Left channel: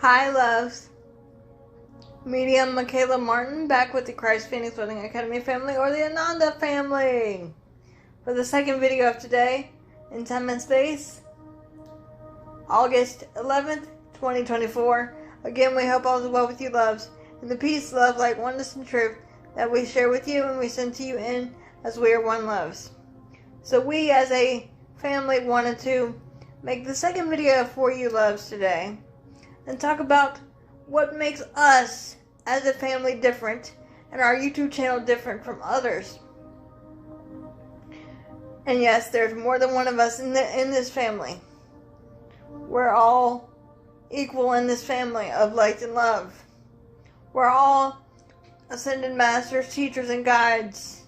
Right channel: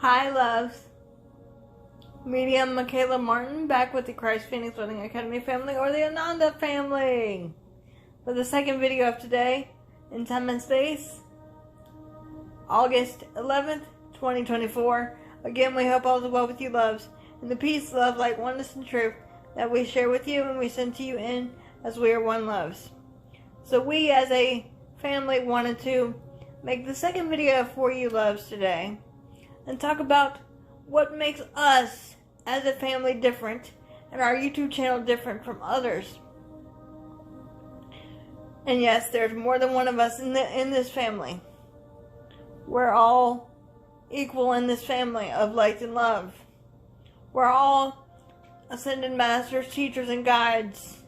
Hi, loves. Medium Michaela Martin back with the Christ Phoenix Wedding Academy family, or the Ananda family, for the second video of today in time and space, August 11th, 2024. Again, we hope all is well with you, loves, and the peace, love, light, oneness, and truth that we share with you and we send to you in as we are one, loves. So we as a family wanted to make the second video for you, loves, today and talk about what makes us as a family different and our YouTube channel different from others. And yes, there's more than one of us in this family. We're all equal in this family of light and love. We're all ascended masters, teachers, and guides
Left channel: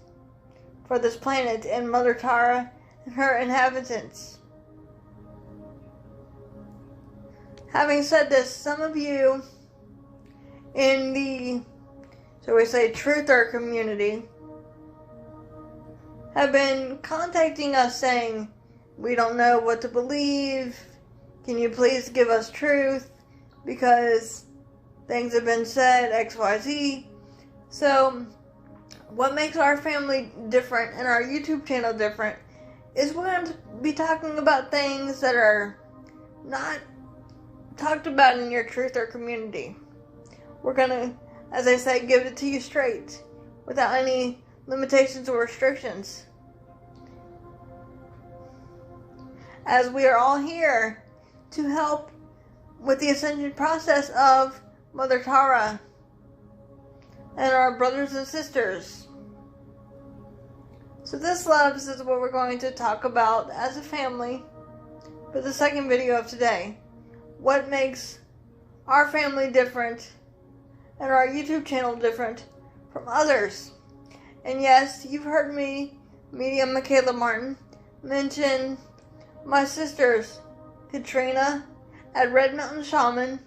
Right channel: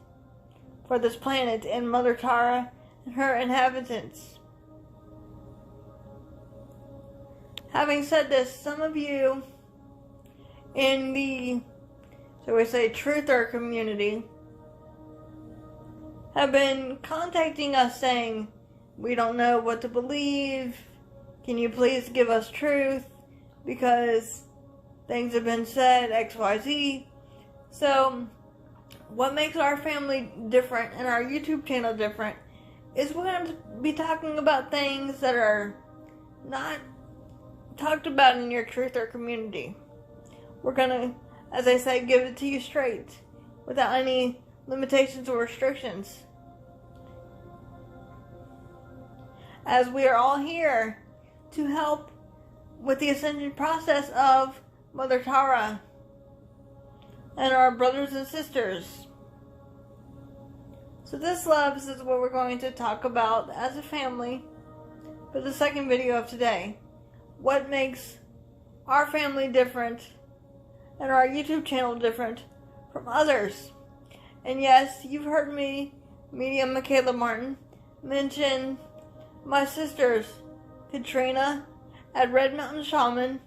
for this planet and Mother Tara and her inhabitants. Having said this, some of you in the, so we say, truther community have been contacting us saying, we don't know what to believe. Can you please give us truth? Because things have been said, XYZ. So, what makes our family different and our YouTube channel different is we're going to be talking about things that are not talked about in your truther community. We're going to, as I say, give it to you straight, without any limitations or restrictions. As we are all here to help with the ascension process of Mother Tara and our brothers and sisters. So this, loves, is what we're going to talk about as a family for the second video of today. What makes our family different and our YouTube channel different from others. And yes, you've heard me, Medium Michaela Martin, mention my sisters, Katrina at Red Mountain Shaman,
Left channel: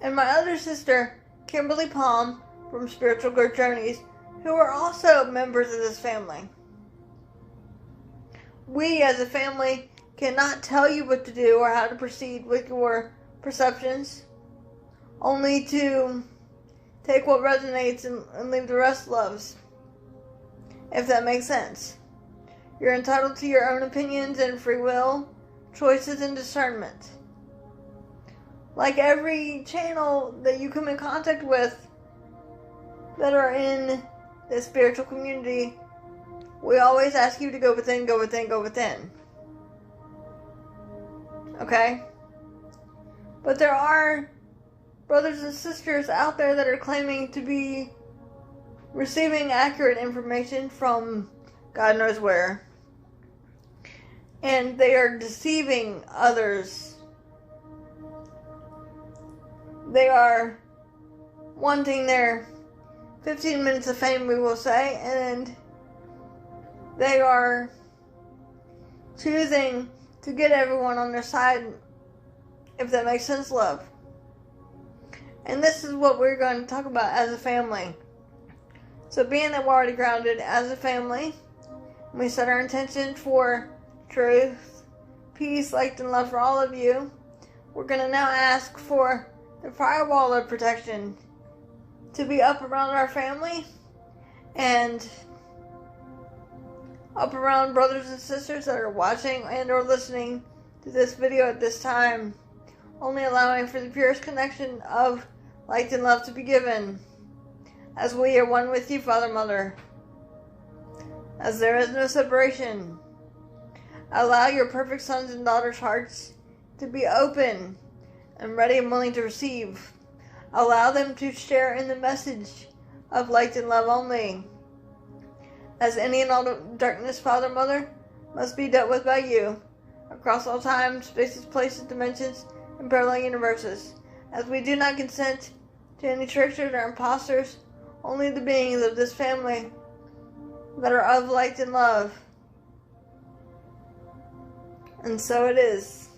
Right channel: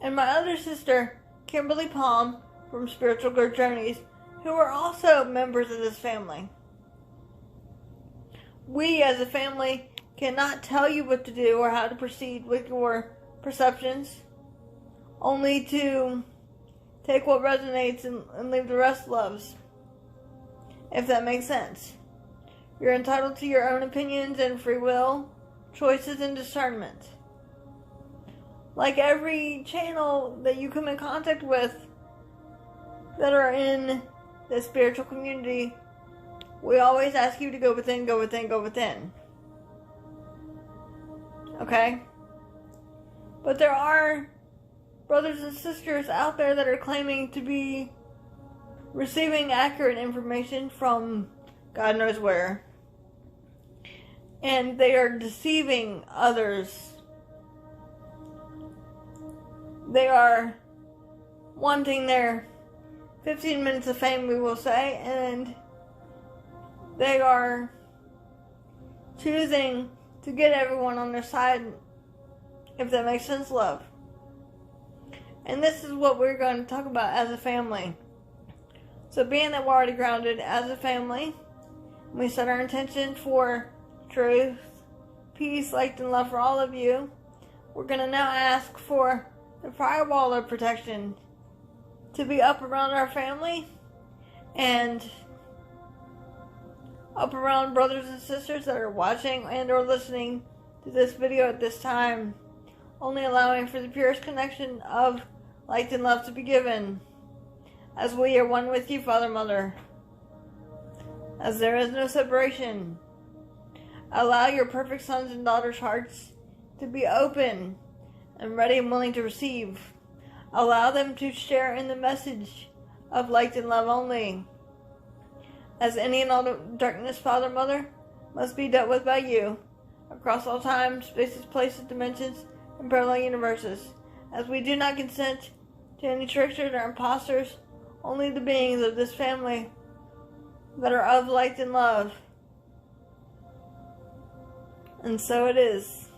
and my other sister, Kimberly Palm from Spiritual Growth Journeys, who are also members of this family. We as a family cannot tell you what to do or how to proceed with your perceptions, only to take what resonates and leave the rest, loves, if that makes sense. You're entitled to your own opinions and free will, choices, and discernment. Like every channel that you come in contact with that are in the spiritual community, we always ask you to go within, go within, go within. Okay? But there are brothers and sisters out there that are claiming to be receiving accurate information from God knows where. And they are deceiving others. They are wanting their 15 minutes of fame, we will say, and they are choosing to get everyone on their side, if that makes sense, love. And this is what we're going to talk about as a family. So being that we're already grounded as a family, we set our intention for truth, peace, light, and love for all of you. We're going to now ask for the firewall of protection to be up around our family and up around brothers and sisters that are watching and or listening to this video at this time, only allowing for the purest connection of light and love to be given, as we are one with you, Father, Mother, as there is no separation. Allow your perfect sons and daughters' hearts to be open and ready and willing to receive. Allow them to share in the message of light and love only, as any and all darkness, Father, Mother, must be dealt with by you, across all time, spaces, places, dimensions, and parallel universes, as we do not consent to any tricksters or imposters, only the beings of this family that are of light and love. And so it is.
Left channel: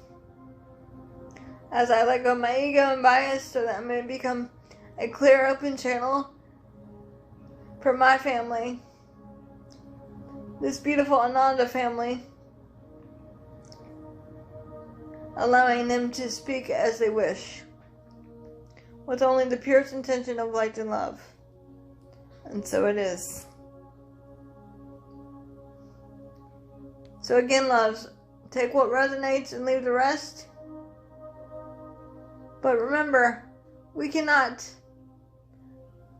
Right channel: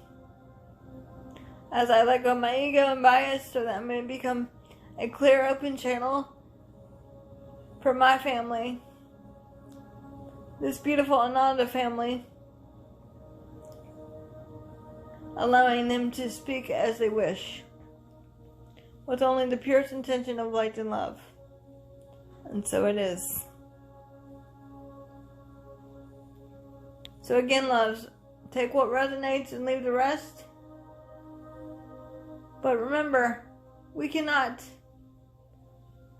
As I let go of my ego and bias so that I may become a clear, open channel for my family, this beautiful Ananda family, allowing them to speak as they wish. with only the purest intention of light and love. And so it is. So again, loves, take what resonates and leave the rest. But remember, we cannot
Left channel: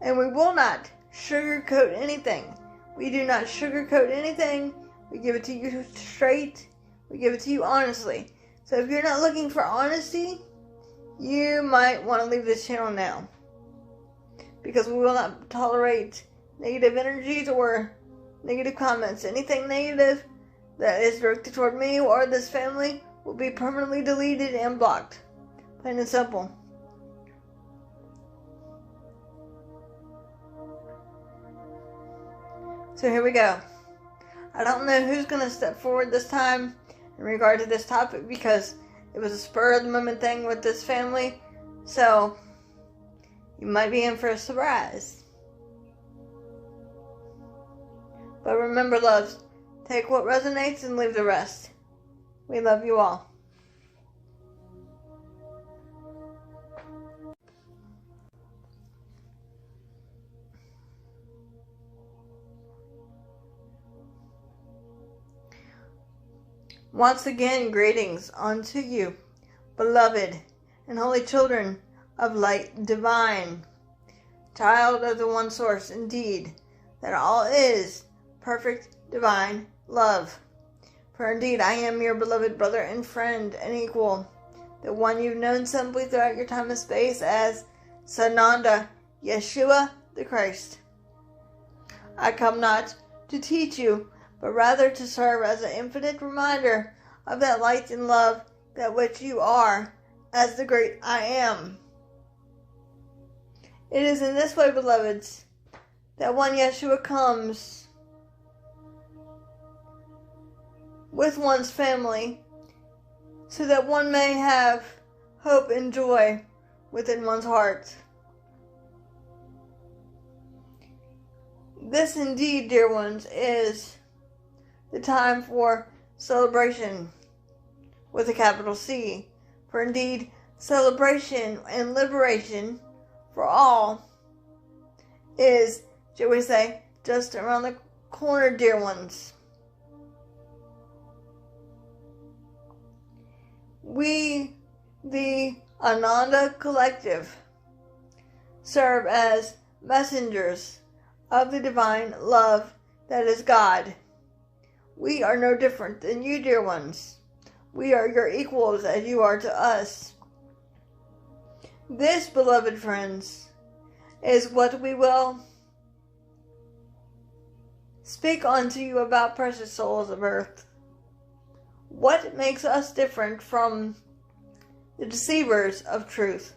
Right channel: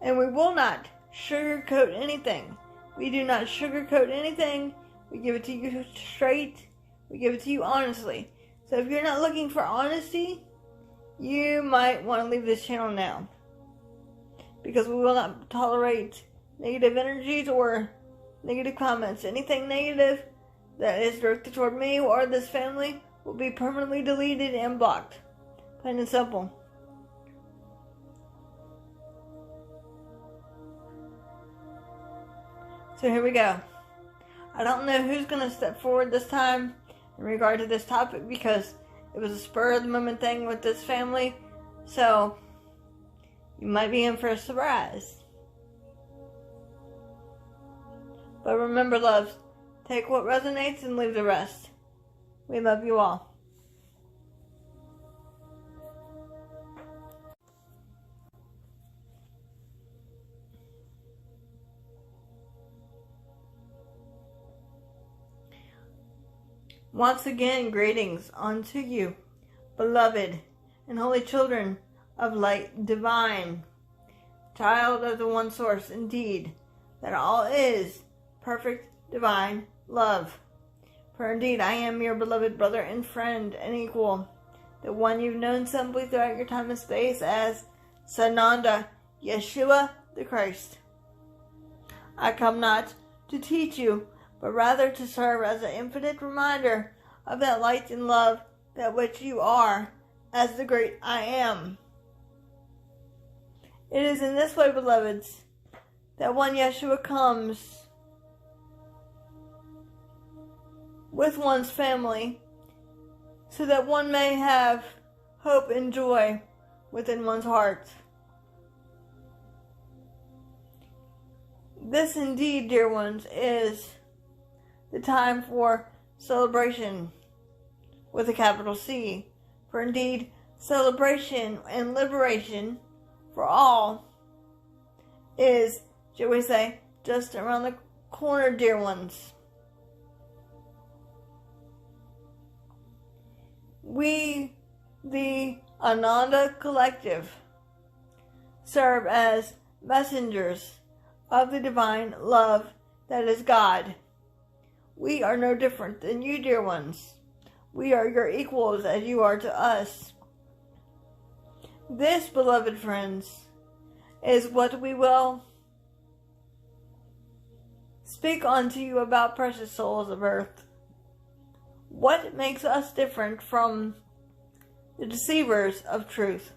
and we will not sugarcoat anything. We do not sugarcoat anything. We give it to you straight. We give it to you honestly. So if you're not looking for honesty, you might want to leave this channel now. Because we will not tolerate negative energies or negative comments. Anything negative that is directed toward me or this family will be permanently deleted and blocked. Plain and simple. So here we go. I don't know who's going to step forward this time in regard to this topic because it was a spur of the moment thing with this family. So you might be in for a surprise. But remember, loves, take what resonates and leave the rest. We love you all. Once again, greetings unto you, beloved and holy children of light divine, child of the one source, indeed, that all is perfect divine love. For indeed, I am your beloved brother and friend and equal, the one you've known simply throughout your time and space as Ananda, Yeshua the Christ. I come not to teach you, but rather to serve as an infinite reminder of that light and love that which you are as the great I am. It is in this way, beloveds, that one Yeshua comes with one's family so that one may have hope and joy within one's heart. This indeed, dear ones, is the time for celebration with a capital C. For indeed, celebration and liberation for all is, shall we say, just around the corner, dear ones. We, the Ananda Collective, serve as messengers of the divine love that is God. We are no different than you, dear ones. We are your equals as you are to us. This, beloved friends, is what we will speak unto you about, precious souls of earth. What makes us different from the deceivers of truth?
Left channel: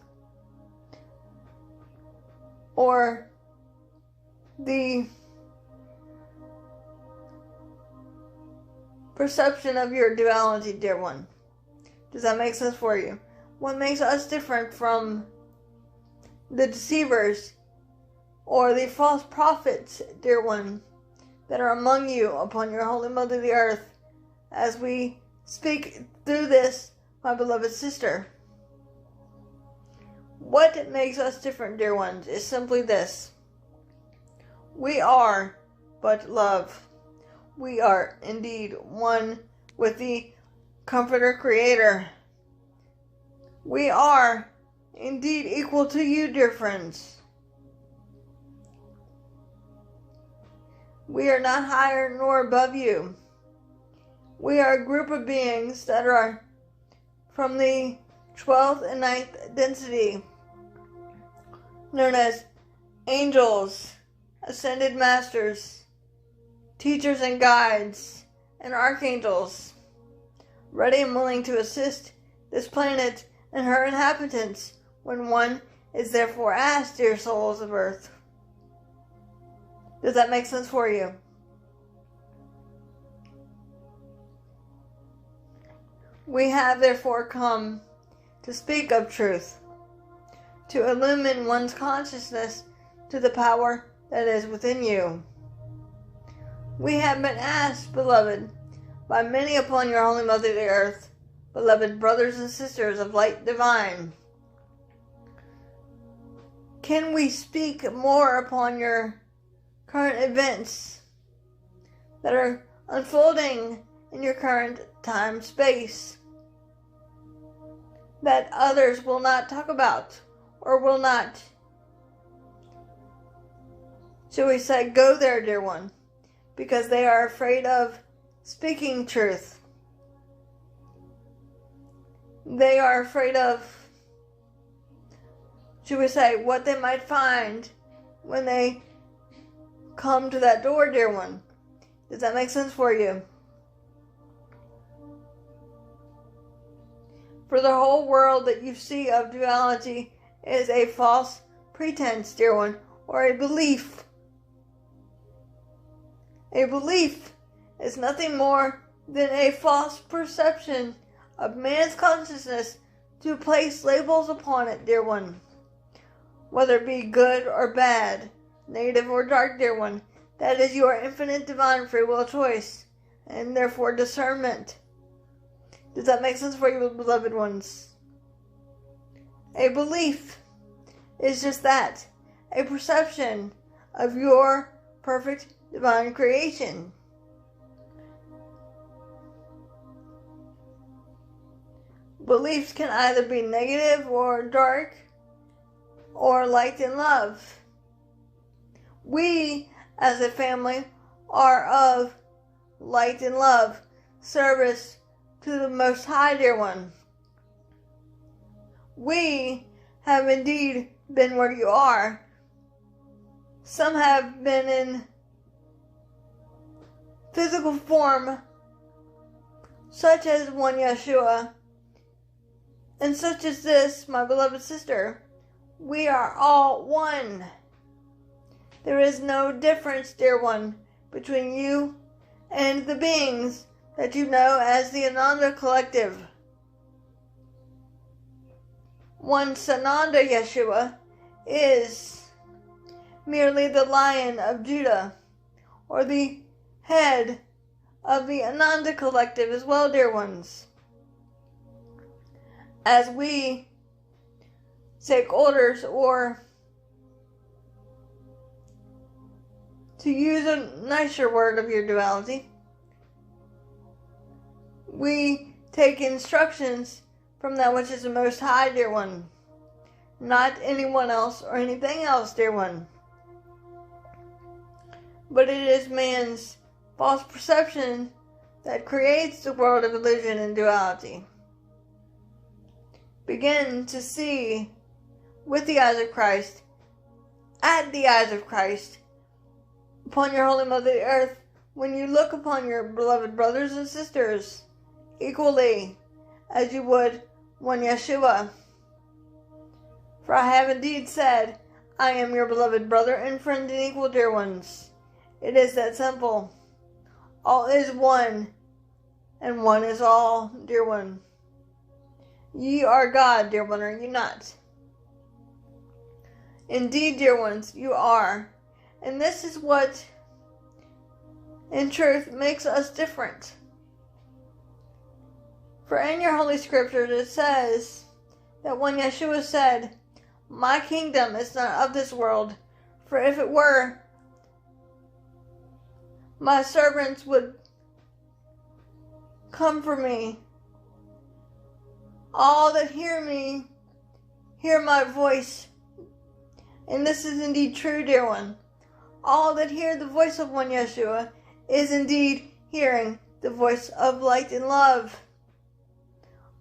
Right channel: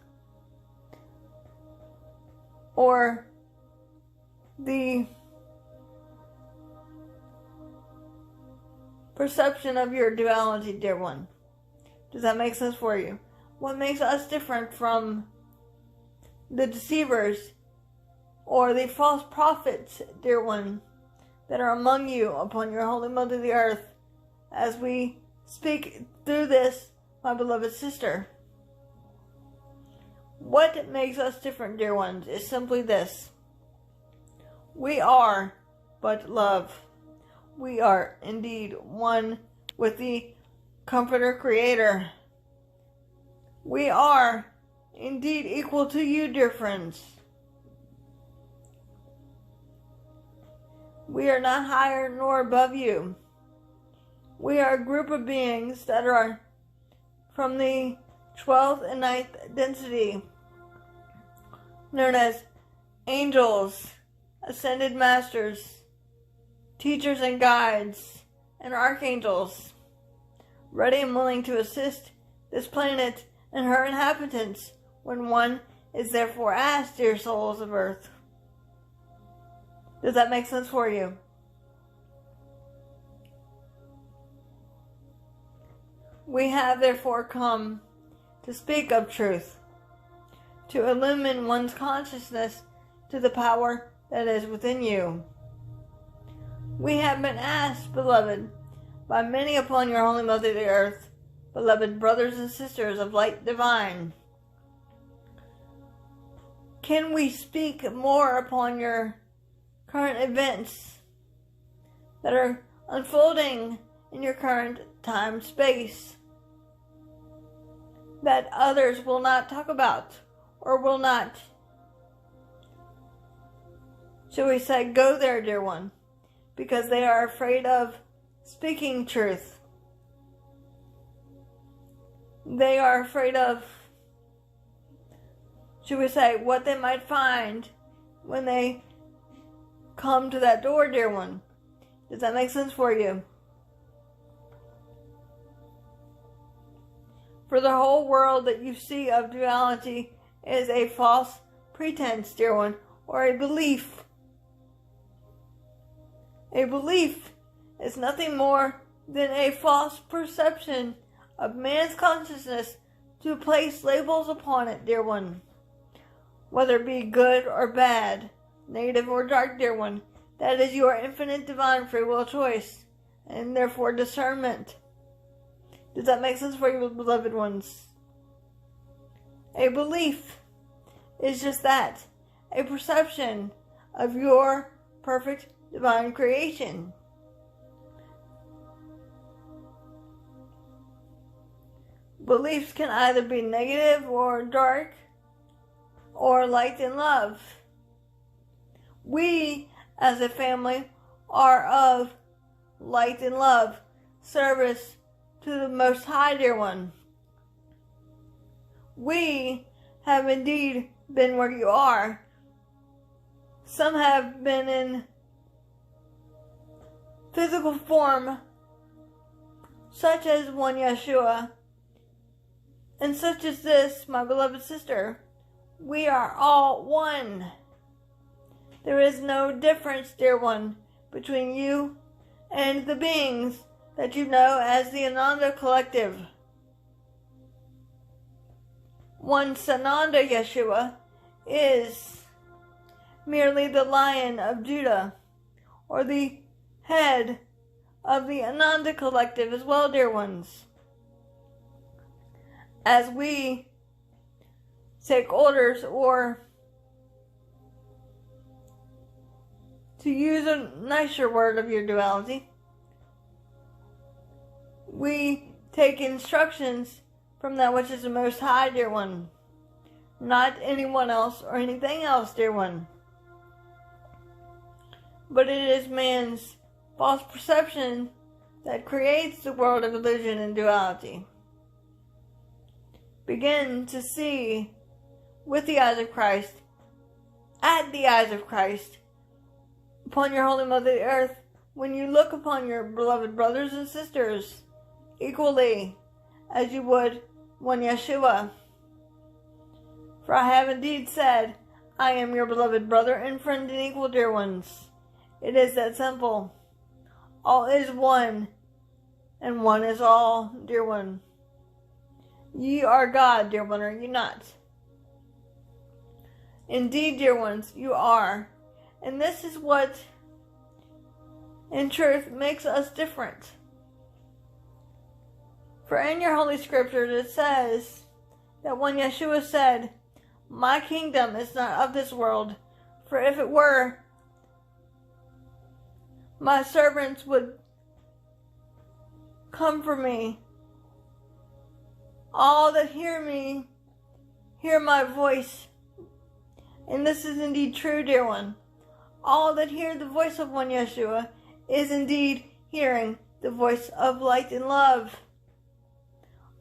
Or the perception of your duality, dear one. Does that make sense for you? What makes us different from the deceivers or the false prophets, dear one, that are among you upon your holy mother the earth, as we speak through this, my beloved sister? What makes us different, dear ones, is simply this. We are but love. We are indeed one with the Comforter Creator. We are indeed equal to you, dear friends. We are not higher nor above you. We are a group of beings that are from the 12th and 9th density, known as angels, ascended masters, teachers and guides, and archangels, ready and willing to assist this planet and her inhabitants when one is therefore asked, dear souls of earth. Does that make sense for you? We have therefore come to speak of truth, to illumine one's consciousness to the power that is within you. We have been asked, beloved, by many upon your holy mother the earth, beloved brothers and sisters of light divine, can we speak more upon your current events that are unfolding in your current time space that others will not talk about or will not, shall we say, go there, dear one, because they are afraid of speaking truth. They are afraid of, should we say, what they might find when they come to that door, dear one. Does that make sense for you? For the whole world that you see of duality is a false pretense, dear one, or a belief. A belief is nothing more than a false perception of man's consciousness to place labels upon it, dear one. Whether it be good or bad, negative or dark, dear one, that is your infinite divine free will choice, and therefore discernment. Does that make sense for you, beloved ones? A belief is just that, a perception of your perfect divine creation. Beliefs can either be negative or dark, or light and love. We, as a family, are of light and love, service to the Most High, dear one. We have indeed been where you are. Some have been in physical form, such as one Yeshua, and such as this, my beloved sister. We are all one. There is no difference, dear one, between you and the beings that you know as the Ananda collective. Once Ananda Yeshua is merely the Lion of Judah, or the head of the Ananda collective as well, dear ones. As we take orders, or to use a nicer word of your duality, we take instructions from that which is the Most High, dear one, not anyone else or anything else, dear one. But it is man's false perception that creates the world of illusion and duality. Begin to see with the eyes of Christ, at the eyes of Christ, upon your Holy Mother the Earth, when you look upon your beloved brothers and sisters equally as you would one Yeshua. For I have indeed said, I am your beloved brother and friend and equal, dear ones. It is that simple. All is one, and one is all, dear one. Ye are God, dear one, are you not? Indeed, dear ones, you are. And this is what, in truth, makes us different. For in your Holy Scriptures it says that when Yeshua said, my kingdom is not of this world, for if it were, my servants would come for me. All that hear me, hear my voice. And this is indeed true, dear one. All that hear the voice of one Yeshua is indeed hearing the voice of light and love.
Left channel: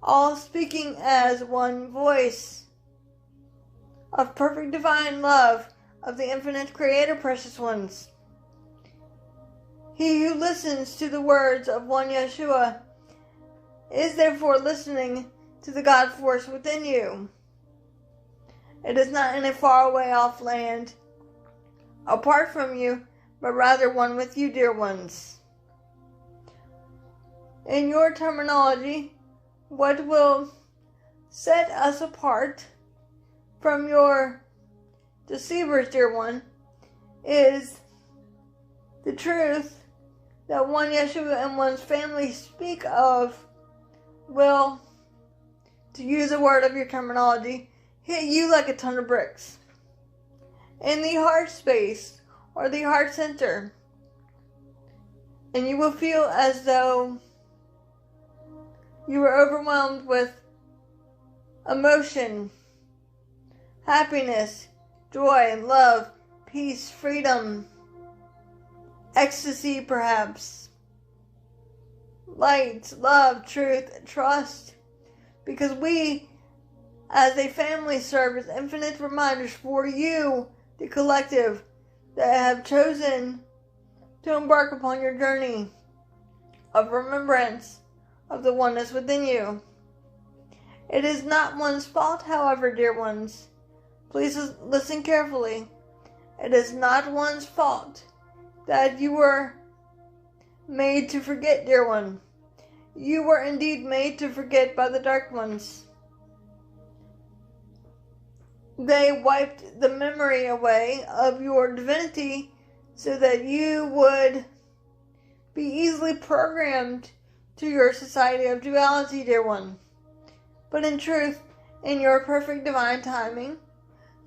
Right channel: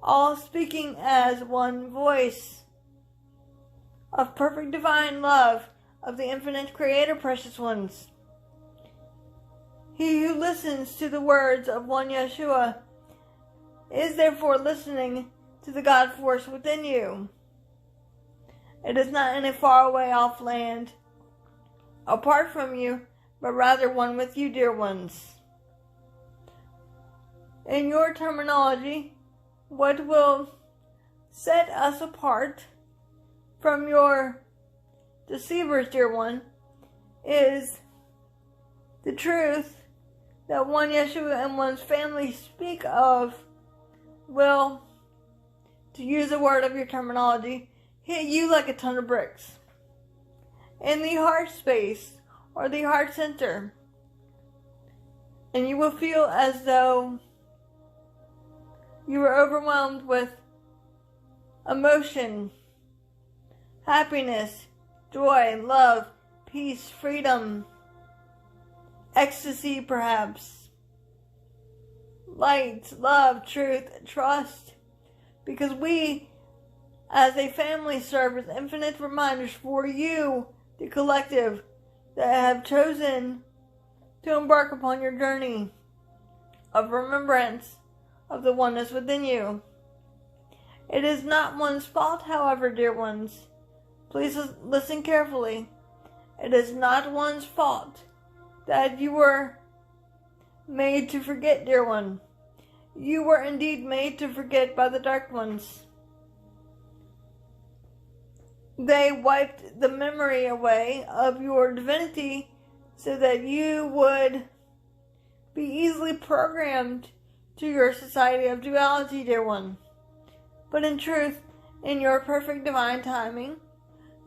All speaking as one voice of perfect divine love of the infinite Creator, precious ones. He who listens to the words of one Yeshua is therefore listening to the God force within you. It is not in a faraway off land, apart from you, but rather one with you, dear ones. In your terminology, what will set us apart from your deceivers, dear one, is the truth that one Yeshua and one's family speak of will, to use a word of your terminology, hit you like a ton of bricks. in the heart space or the heart center. And you will feel as though you are overwhelmed with emotion, happiness, joy, love, peace, freedom, ecstasy perhaps, light, love, truth, trust. Because we, as a family, serve as infinite reminders for you, the collective, that have chosen to embark upon your journey of remembrance of the oneness within you. It is not one's fault, however, dear ones. Please listen carefully. It is not one's fault that you were made to forget, dear one. You were indeed made to forget by the dark ones. They wiped the memory away of your divinity so that you would be easily programmed to your society of duality, dear one. But in truth, in your perfect divine timing,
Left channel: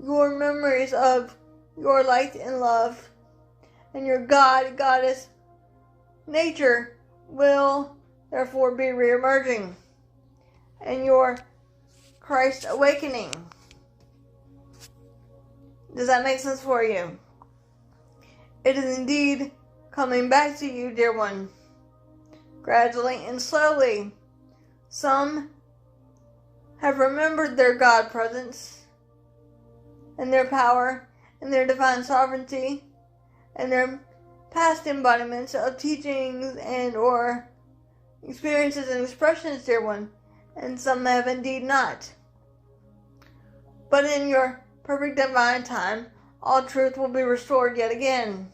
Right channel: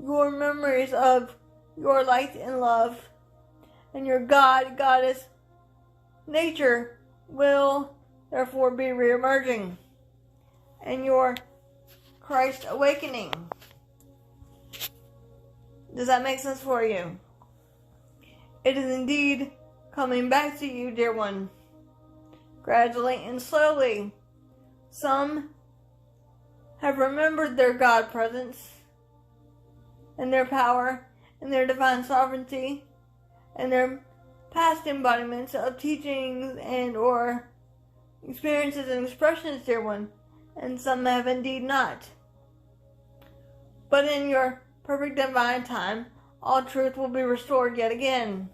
your memories of your light and love and your God, Goddess, nature will therefore be reemerging, and your Christ awakening. Does that make sense for you? It is indeed coming back to you, dear one, gradually and slowly. Some have remembered their God presence and their power and their divine sovereignty and their past embodiments of teachings and or experiences and expressions, dear one, and some have indeed not. But in your perfect divine time, all truth will be restored yet again.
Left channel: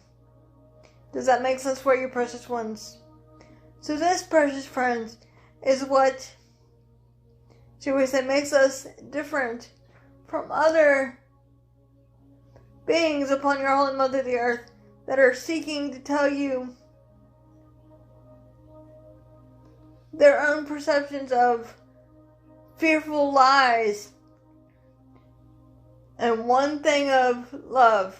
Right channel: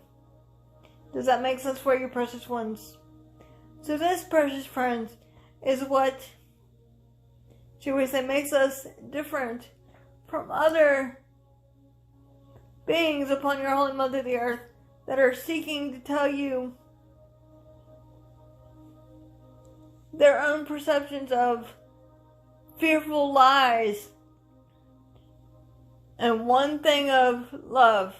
Does that make sense for you, precious ones? So this, precious friends, is what, should we say, makes us different from other beings upon your holy mother, the earth, that are seeking to tell you their own perceptions of fearful lies and one thing of love.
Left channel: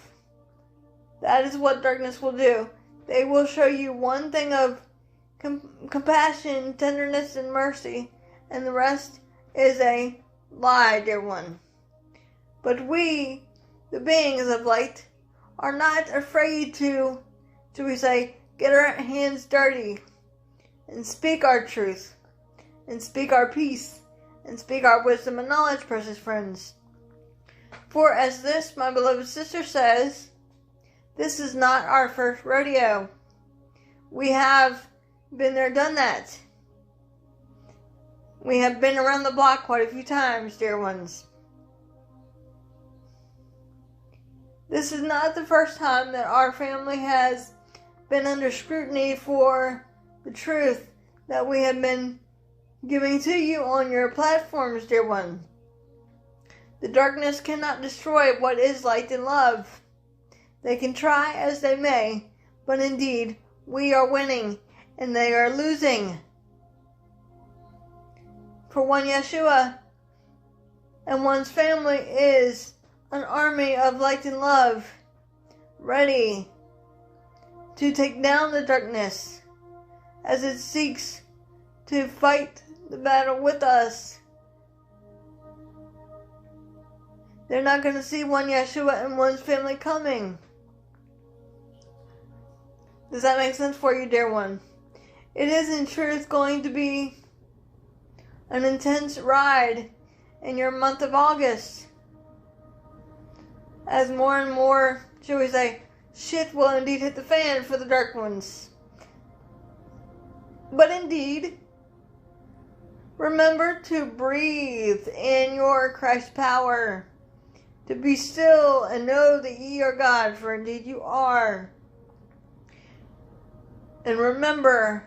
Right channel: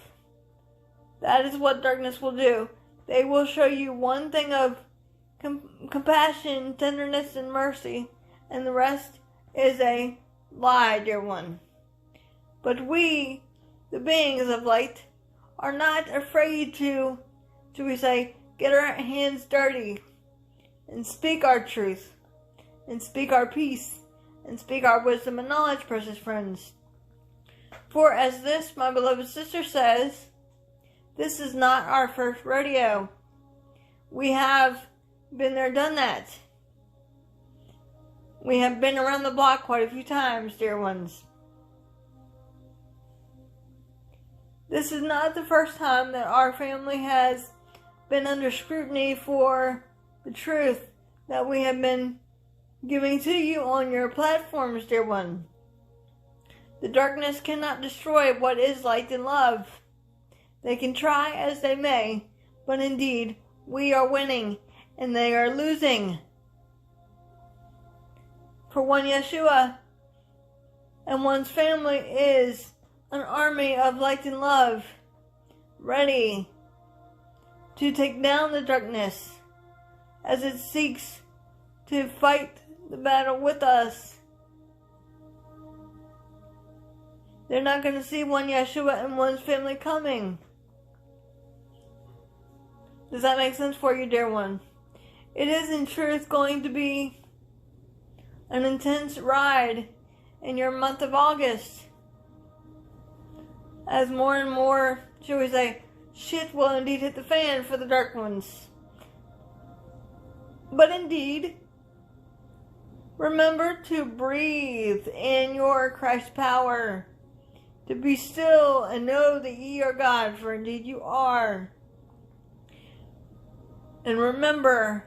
That is what darkness will do. They will show you one thing of compassion, tenderness, and mercy, and the rest is a lie, dear one. But we, the beings of light, are not afraid to, shall we say, get our hands dirty and speak our truth, and speak our peace, and speak our wisdom and knowledge, precious friends. For as this, my beloved sister, says, this is not our first rodeo. We have been there, done that. We have been around the block quite a few times, dear ones. This is not the first time that our family has been under scrutiny for the truth that we have been giving to you on your platforms, dear one. The darkness cannot destroy what is light and love. They can try as they may, but indeed, we are winning and they are losing. For one Yeshua and one's family is an army of light and love, ready to take down the darkness as it seeks to fight the battle with us. They're not going to see one Yeshua and one's family coming. Does that make sense for you, dear one? It is in truth going to be an intense ride in your month of August, as more and more, shall we say, shit will indeed hit the fan for the dark ones. But indeed, remember to breathe in your Christ power, to be still and know that ye are God, for indeed you are. And remember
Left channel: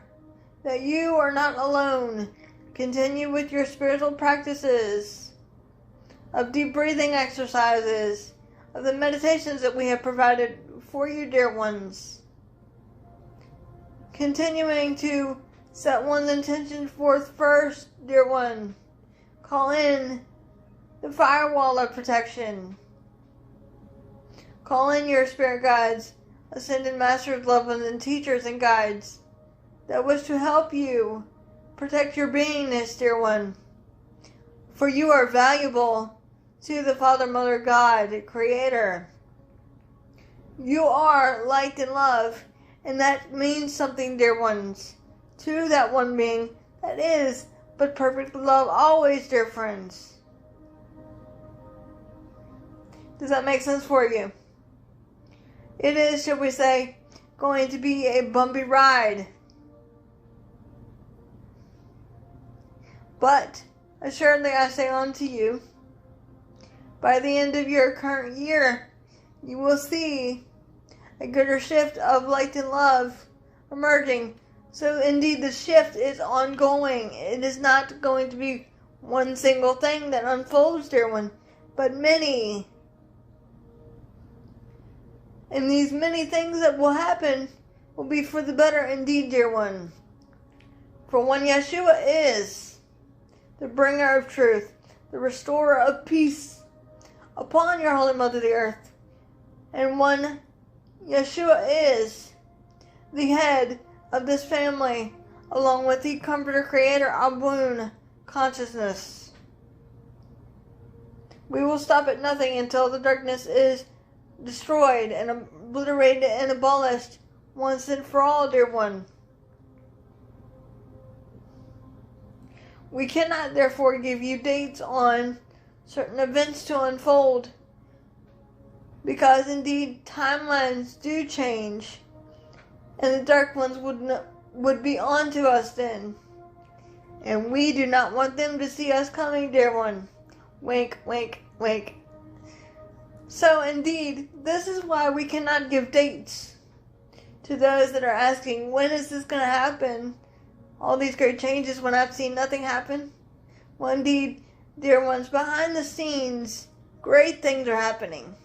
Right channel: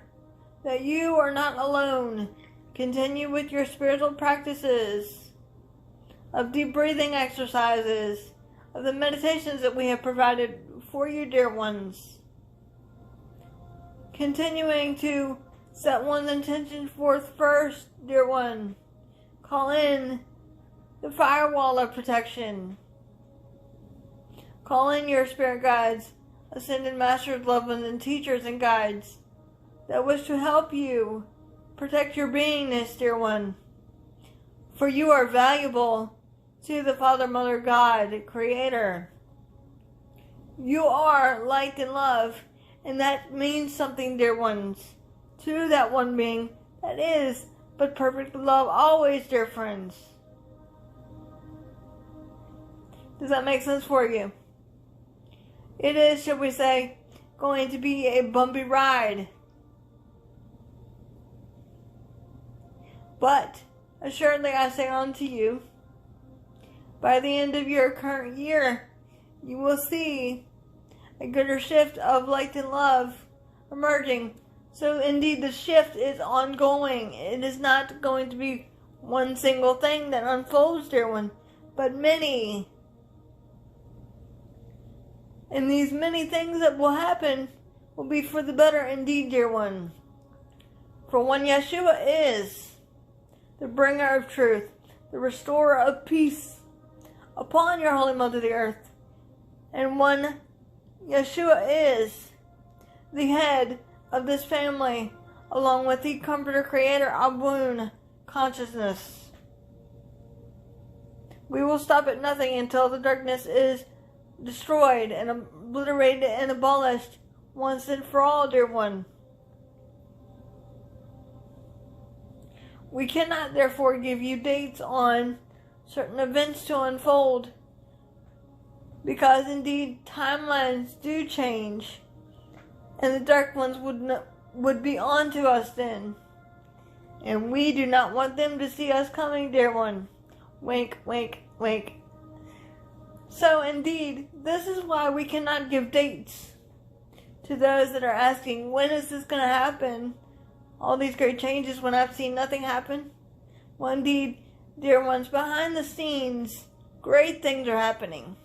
that you are not alone. Continue with your spiritual practices of deep breathing exercises, of the meditations that we have provided for you, dear ones. Continuing to set one's intention forth first, dear one. Call in the firewall of protection. Call in your spirit guides, ascended masters, loved ones, and teachers and guides that wish to help you protect your beingness, dear one. For you are valuable to the Father, Mother, God, Creator. You are light and love, and that means something, dear ones, to that one being that is but perfect love always, dear friends. Does that make sense for you? It is, shall we say, going to be a bumpy ride. But assuredly I say unto you, by the end of your current year, you will see a greater shift of light and love emerging. So indeed the shift is ongoing. It is not going to be one single thing that unfolds, dear one, but many. And these many things that will happen will be for the better indeed, dear one. For one, Yeshua is the bringer of truth, the restorer of peace upon your holy mother the earth. And one, Yeshua is the head of this family, along with the comforter, creator, Abun, consciousness. We will stop at nothing until the darkness is destroyed and obliterated and abolished once and for all, dear one. We cannot therefore give you dates on certain events to unfold, because indeed timelines do change, and the dark ones would be on to us then, and we do not want them to see us coming, dear one. Wink, wink, wink. So indeed, this is why we cannot give dates to those that are asking, when is this going to happen? All these great changes when I've seen nothing happen. Well, indeed, dear ones, behind the scenes, great things are happening.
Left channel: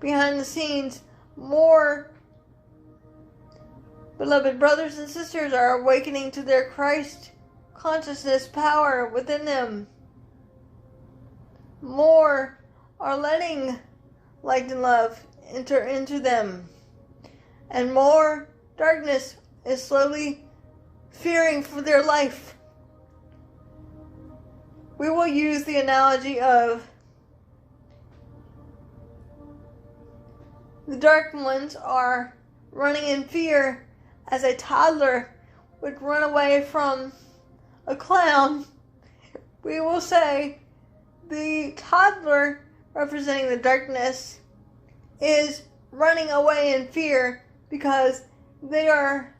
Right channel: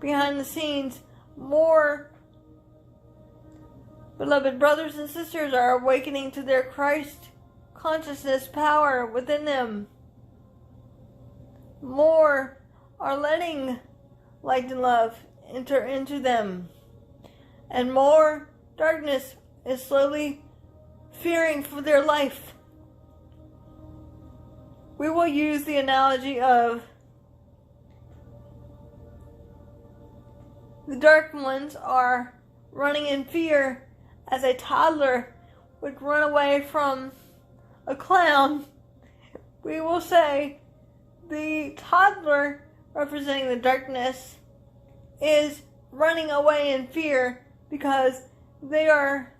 Behind the scenes, more beloved brothers and sisters are awakening to their Christ consciousness power within them. More are letting light and love enter into them. And more darkness is slowly fearing for their life. We will use the analogy of the dark ones are running in fear as a toddler would run away from a clown. We will say the toddler, representing the darkness, is running away in fear because they are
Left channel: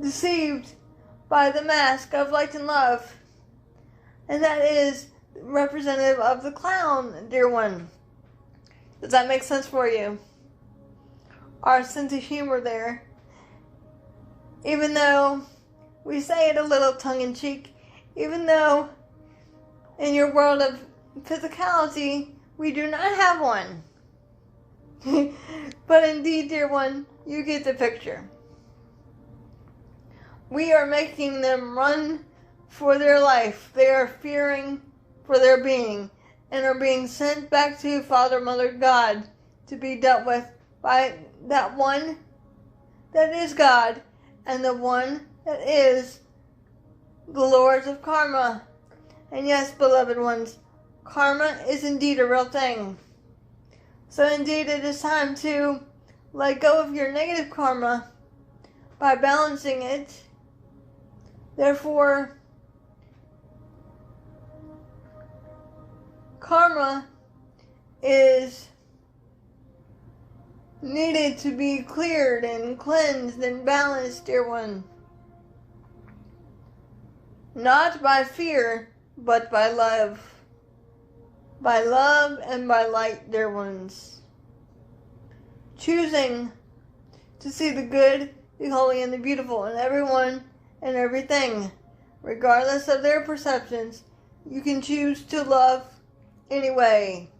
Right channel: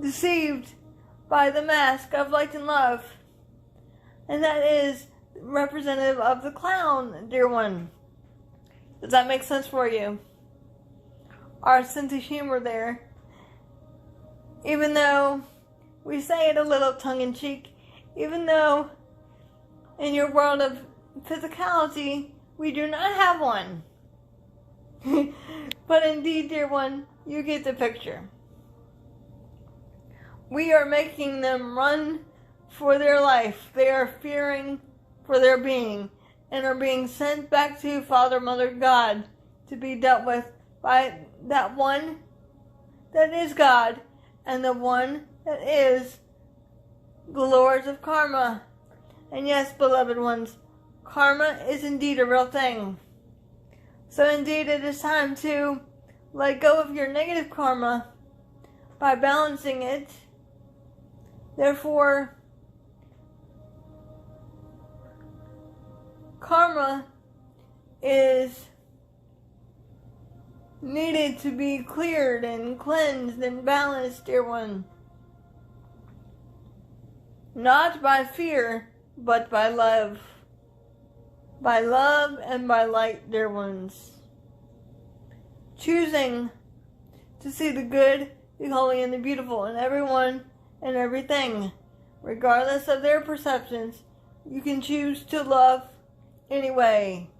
deceived by the mask of light and love. And that is representative of the clown, dear one. Does that make sense for you? Our sense of humor there. Even though we say it a little tongue-in-cheek, even though in your world of physicality we do not have one. But indeed, dear one, you get the picture. We are making them run for their life. They are fearing for their being and are being sent back to Father, Mother, God to be dealt with by that one that is God and the one that is the Lords of Karma. And yes, beloved ones, karma is indeed a real thing. So indeed it is time to let go of your negative karma by balancing it. Therefore, karma is needed to be cleared and cleansed and balanced, dear one. Not by fear, but by love. By love and by light, dear ones. Choosing to see the good, the holy, and the beautiful in everyone and everything, regardless of their perceptions. You can choose to love anyway.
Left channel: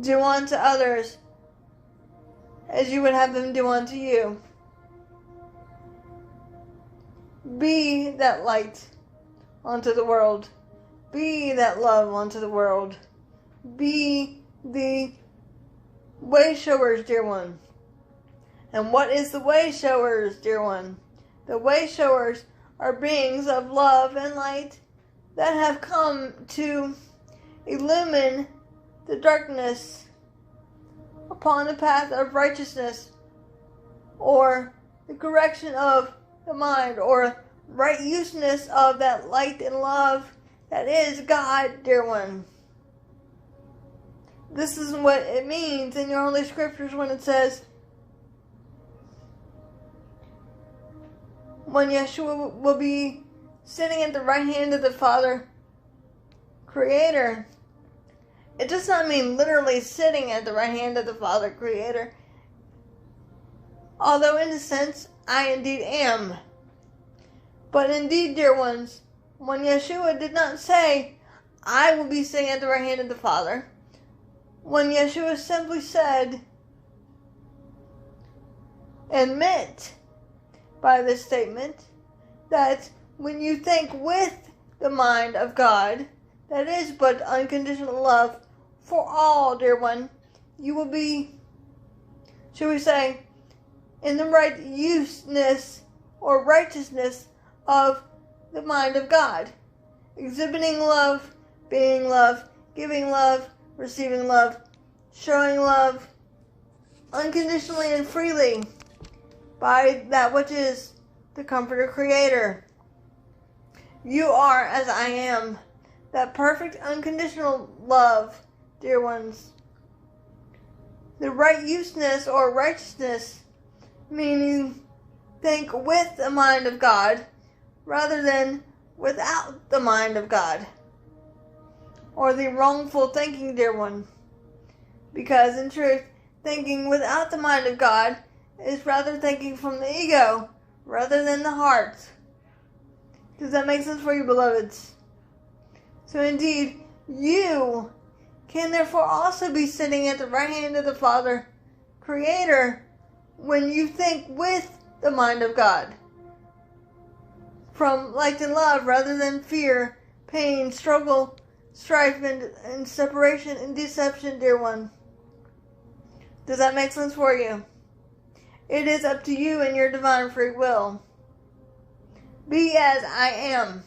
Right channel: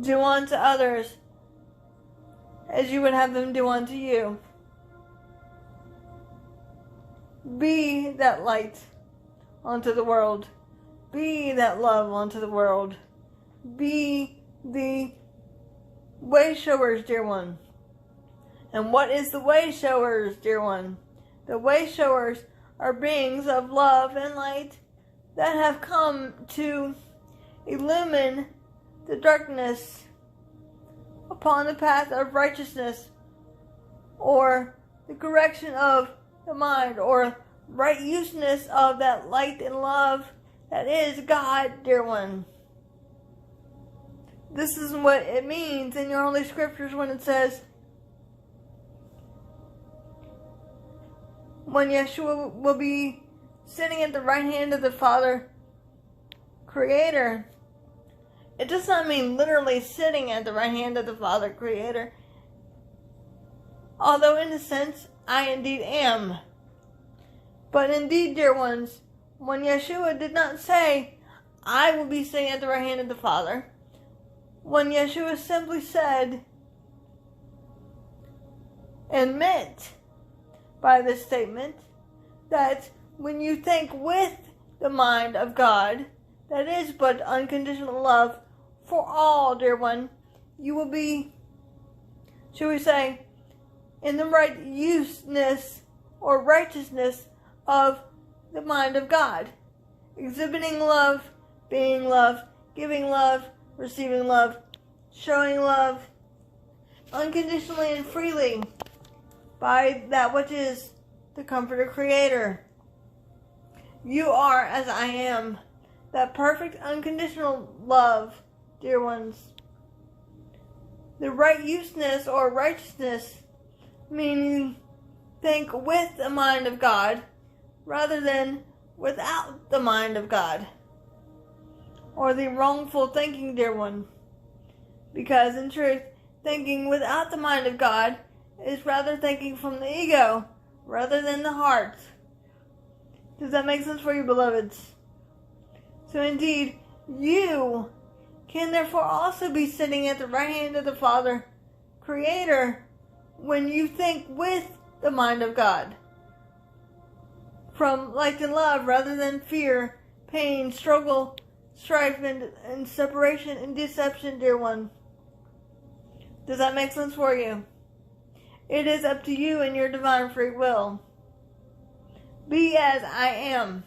Do unto others as you would have them do unto you. Be that light unto the world. be that love unto the world. Be the way showers, dear one. And what is the way showers, dear one? The way showers are beings of love and light that have come to illumine the darkness upon the path of righteousness, or the correction of the mind, or right useness of that light and love that is God, dear one. This is what it means in your Holy Scriptures when it says, when Yeshua will be sitting at the right hand of the Father, Creator. It does not mean literally sitting at the right hand of the Father, Creator. Although in a sense, I indeed am. But indeed, dear ones, when Yeshua did not say, I will be sitting at the right hand of the Father, when Yeshua simply said, admit by this statement that when you think with the mind of God, that is but unconditional love for all, dear one, you will be, shall we say, in the right useness or righteousness of the mind of God, exhibiting love, being love, giving love, receiving love, showing love unconditionally and freely by that which is the Comforter Creator. You are as I am, that perfect unconditional love, dear ones. The right useness or righteousness, meaning think with the mind of God rather than without the mind of God, or the wrongful thinking, dear one. Because in truth, thinking without the mind of God is rather thinking from the ego rather than the heart. Does that make sense for you, beloveds? So indeed, you can therefore also be sitting at the right hand of the Father, Creator, when you think with the mind of God, from light and love rather than fear, pain, struggle, strife, and separation and deception, dear one. Does that make sense for you? It is up to you and your divine free will. Be as I am.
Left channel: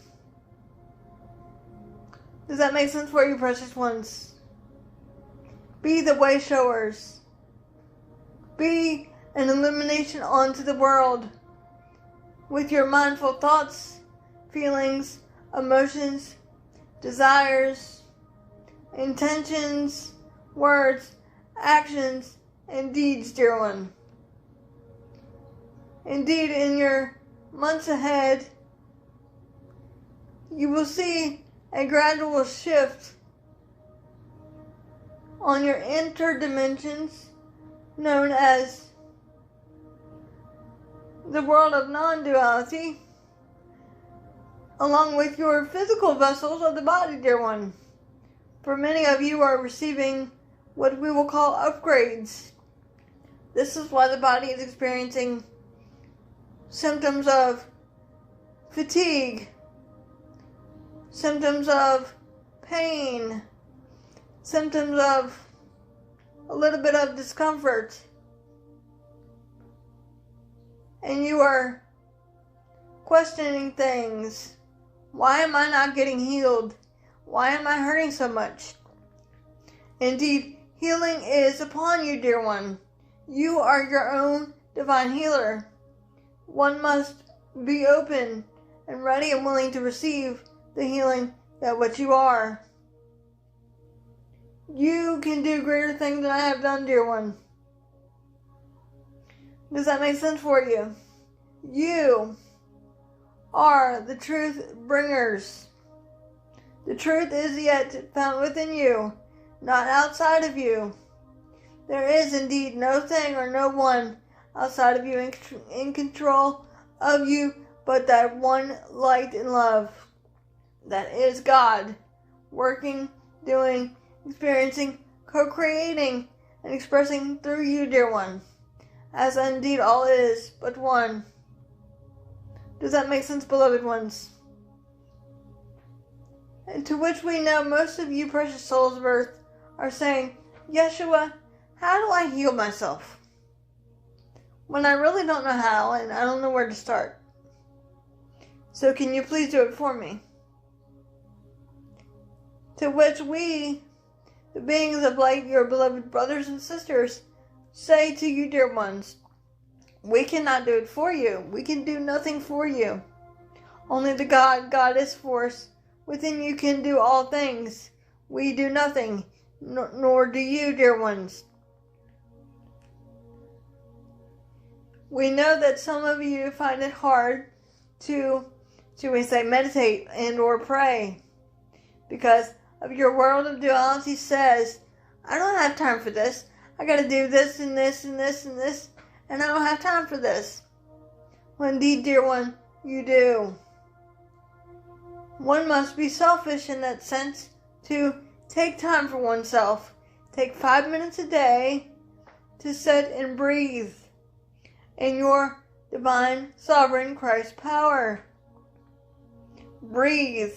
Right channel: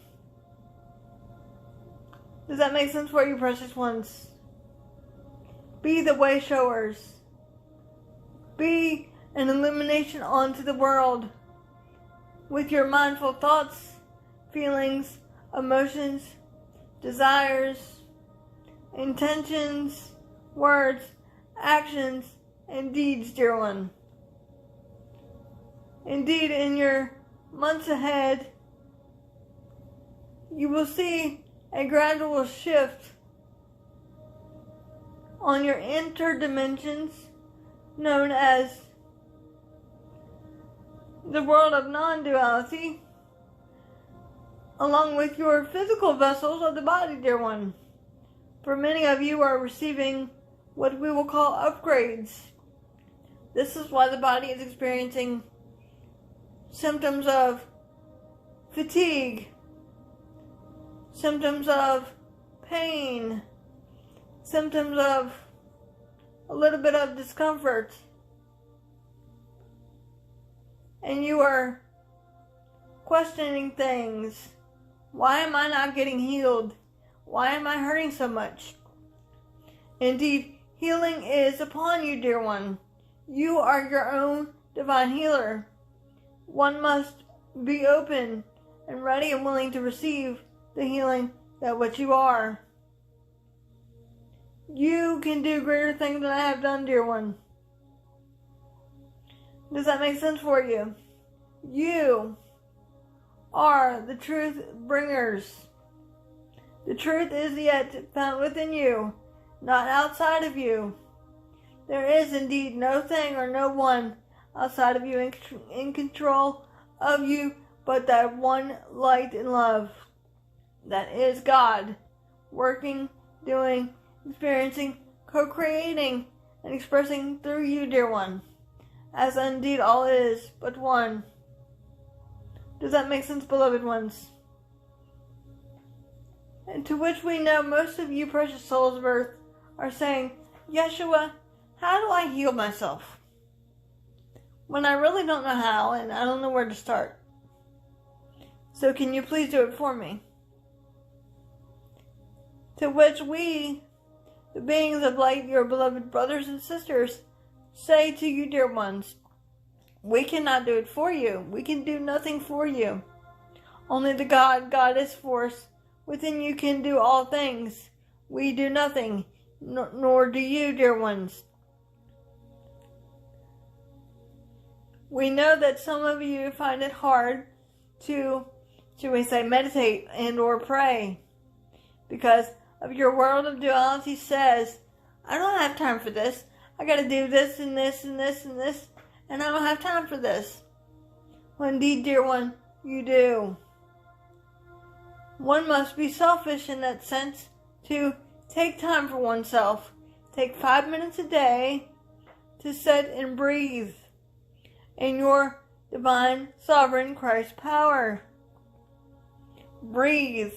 Does that make sense for you, precious ones? Be the way showers. Be an illumination onto the world with your mindful thoughts, feelings, emotions, desires, intentions, words, actions, and deeds, dear one. Indeed, in your months ahead, you will see a gradual shift on your interdimensions known as the world of non-duality, along with your physical vessels of the body, dear one. For many of you are receiving what we will call upgrades. This is why the body is experiencing symptoms of fatigue, symptoms of pain, symptoms of a little bit of discomfort. And you are questioning things. Why am I not getting healed? Why am I hurting so much? Indeed, healing is upon you, dear one. You are your own divine healer. One must be open and ready and willing to receive the healing that what you are. You can do greater things than I have done, dear one. Does that make sense for you? You are the truth bringers. The truth is yet found within you, not outside of you. There is indeed no thing or no one outside of you in control of you but that one light and love that is God, working, doing, experiencing, co-creating, and expressing through you, dear one, as indeed all is but one. Does that make sense, beloved ones? And to which we know most of you precious souls of earth are saying, Yeshua, how do I heal myself? When I really don't know how and I don't know where to start. So can you please do it for me? To which we, the beings of light, your beloved brothers and sisters, say to you, dear ones, we cannot do it for you. We can do nothing for you. Only the Goddess force within you can do all things. We do nothing, nor do you, dear ones. We know that some of you find it hard to, should we say, meditate and or pray because of your world of duality says, I don't have time for this. I gotta do this and this and this and this, and I don't have time for this. Well, indeed, dear one, you do. One must be selfish in that sense to take time for oneself. Take 5 minutes a day to sit and breathe in your divine, sovereign Christ power. Breathe.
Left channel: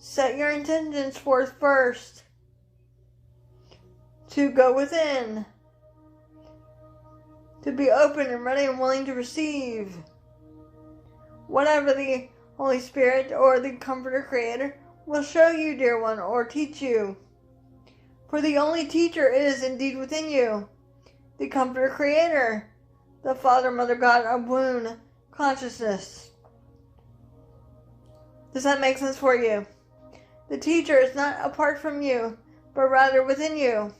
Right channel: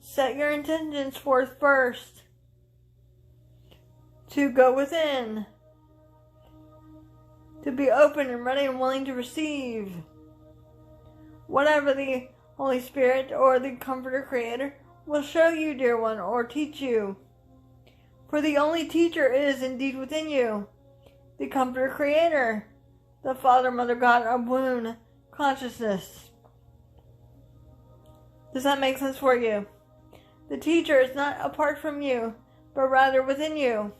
Set your intentions forth first to go within, to be open and ready and willing to receive whatever the Holy Spirit or the Comforter Creator will show you, dear one, or teach you. For the only teacher is indeed within you, the Comforter Creator, the Father, Mother, God of womb consciousness. Does that make sense for you? The teacher is not apart from you, but rather within you.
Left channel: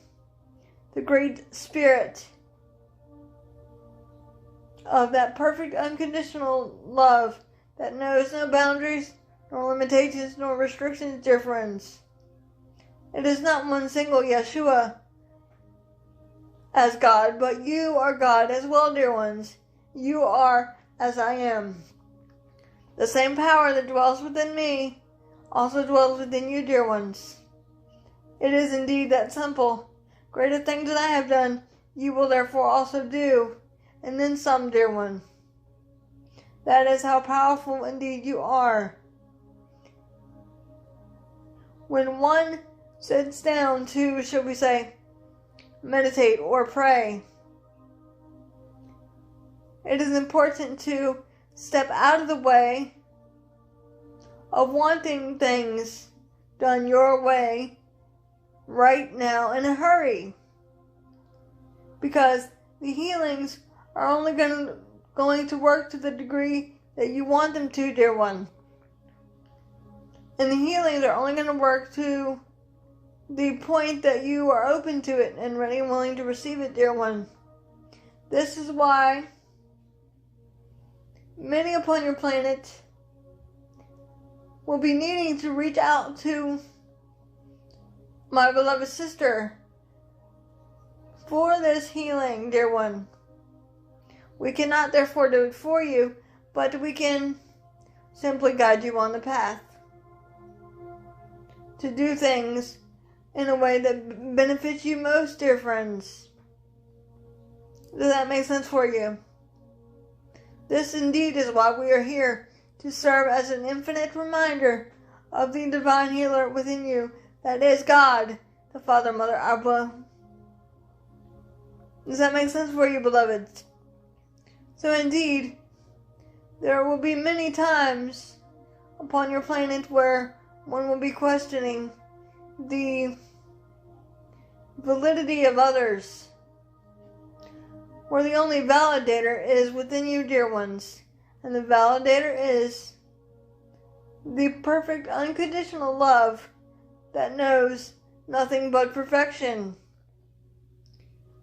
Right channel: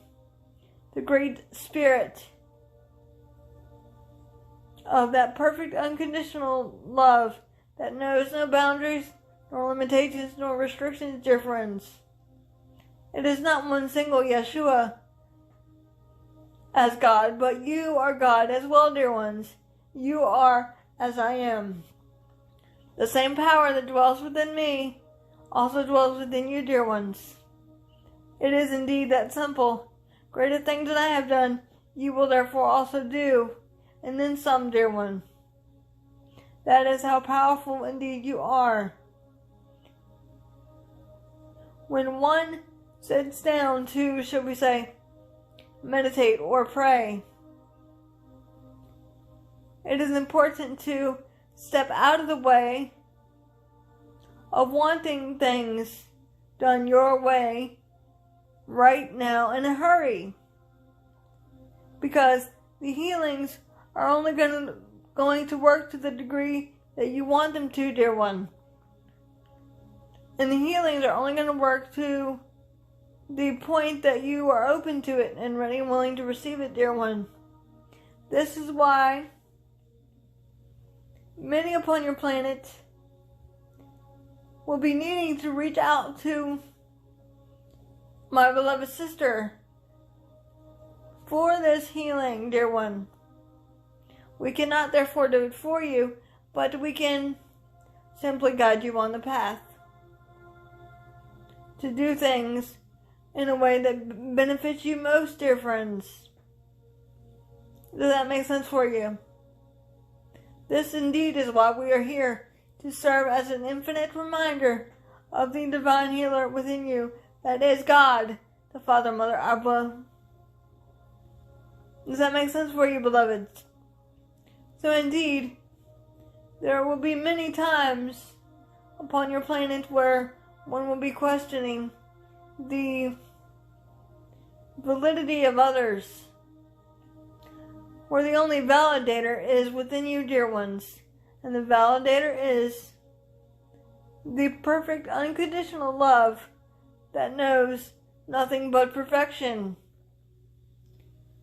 The great Spirit of that perfect unconditional love that knows no boundaries, nor limitations, nor restrictions, dear friends. It is not one single Yeshua as God, but you are God as well, dear ones. You are as I am. The same power that dwells within me also dwells within you, dear ones. It is indeed that simple. Greater things than I have done, you will therefore also do, and then some, dear one. That is how powerful indeed you are. When one sits down to, should we say, meditate or pray, it is important to step out of the way of wanting things done your way right now in a hurry. Because the healings are only going to work to the degree that you want them to, dear one. And the healings are only going to work to the point that you are open to it and ready and willing to receive it, dear one. This is why many upon your planet will be needing to reach out to my beloved sister for this healing, dear one. We cannot therefore do it for you, but we can simply guide you on the path to do things in a way that benefits you most, dear friends. Does that make sense for you? This indeed is why we are here, to serve as an infinite reminder of the divine healer within you, that is God, the Father, Mother, Abba. Does that make sense for you, beloveds? So indeed, there will be many times upon your planet where one will be questioning the validity of others, where the only validator is within you, dear ones. And the validator is the perfect unconditional love that knows nothing but perfection.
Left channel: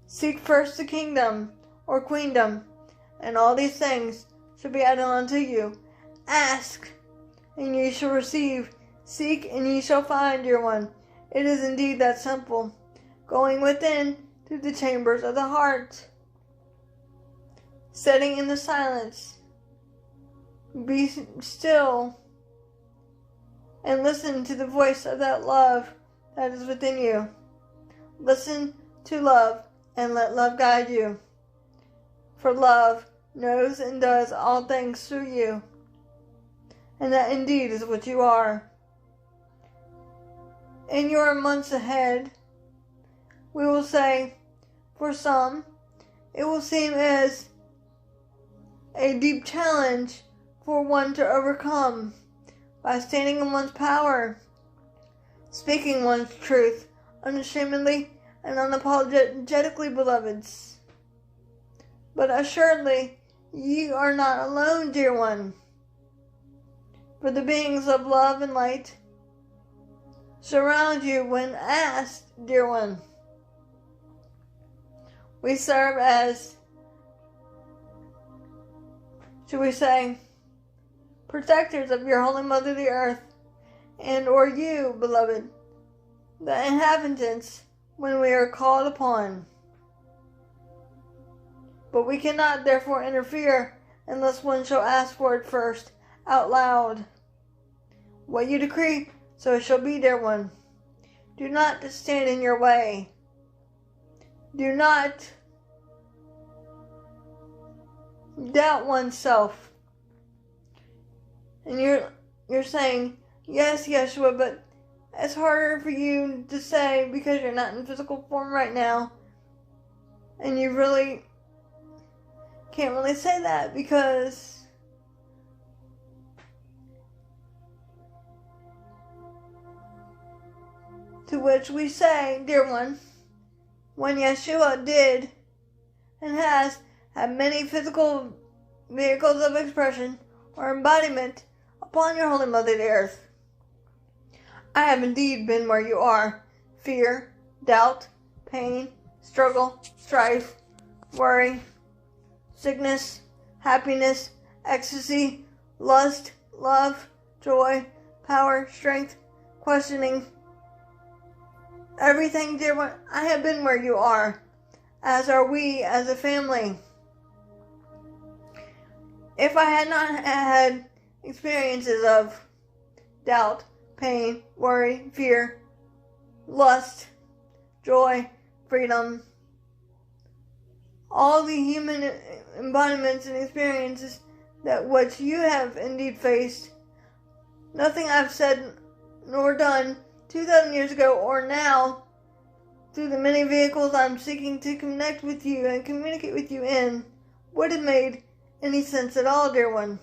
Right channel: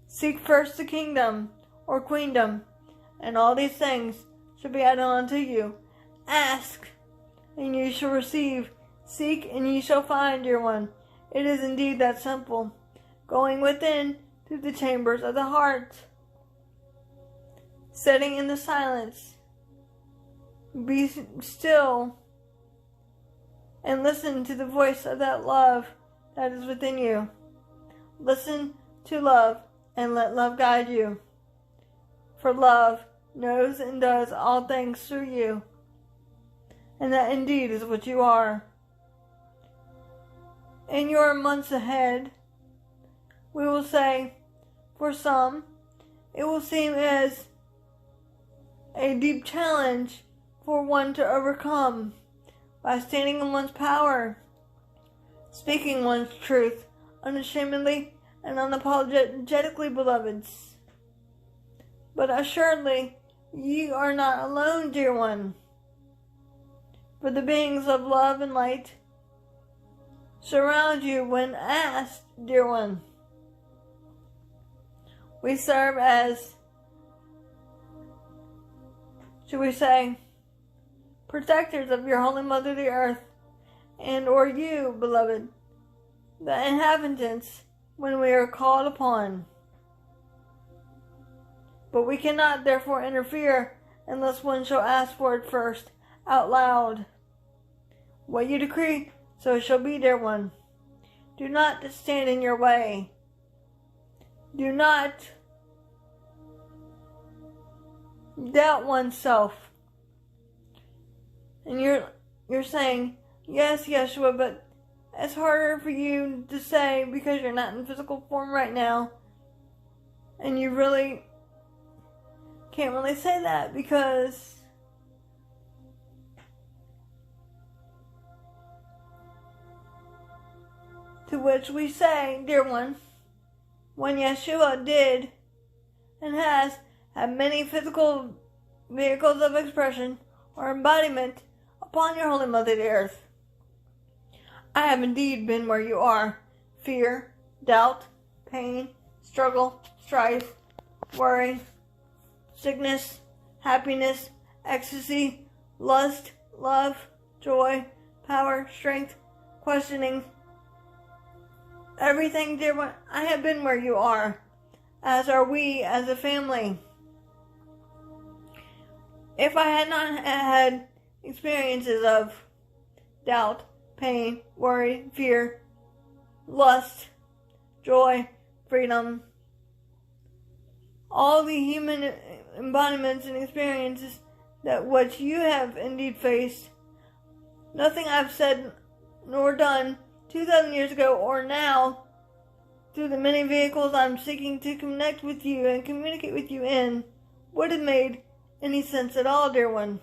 Seek first the kingdom or queendom, and all these things shall be added unto you. Ask, and ye shall receive. Seek, and ye shall find, dear one. It is indeed that simple. Going within to the chambers of the heart, sitting in the silence. Be still and listen to the voice of that love that is within you. Listen to love and let love guide you. For love knows and does all things through you. And that indeed is what you are. in your months ahead. We will say, for some, it will seem as a deep challenge for one to overcome by standing in one's power, speaking one's truth unashamedly and unapologetically, beloveds. But assuredly, ye are not alone, dear one. For the beings of love and light surround you when asked, dear one. We serve as, should we say, protectors of your Holy Mother the Earth, and or you, beloved, the inhabitants, when we are called upon. But we cannot therefore interfere unless one shall ask for it first, out loud. What you decree, so it shall be, dear one. Do not stand in your way. Do not doubt oneself. And you're saying, yes, Yeshua, but it's harder for you to say because you're not in physical form right now. And you really can't really say that because to which we say, dear one, when Yeshua did and has had many physical vehicles of expression or embodiment upon your Holy Mother the Earth, I have indeed been where you are. Fear, doubt, pain, struggle, strife, worry, sickness, happiness, ecstasy, lust, love, joy, power, strength, questioning. Everything, dear one, I have been where you are, as are we as a family. If I had not had experiences of doubt, pain, worry, fear, lust, joy, freedom, all the human embodiments and experiences that what you have indeed faced, nothing I've said nor done 2,000 years ago or now, through the many vehicles I'm seeking to connect with you and communicate with you in, would have made any sense at all, dear one.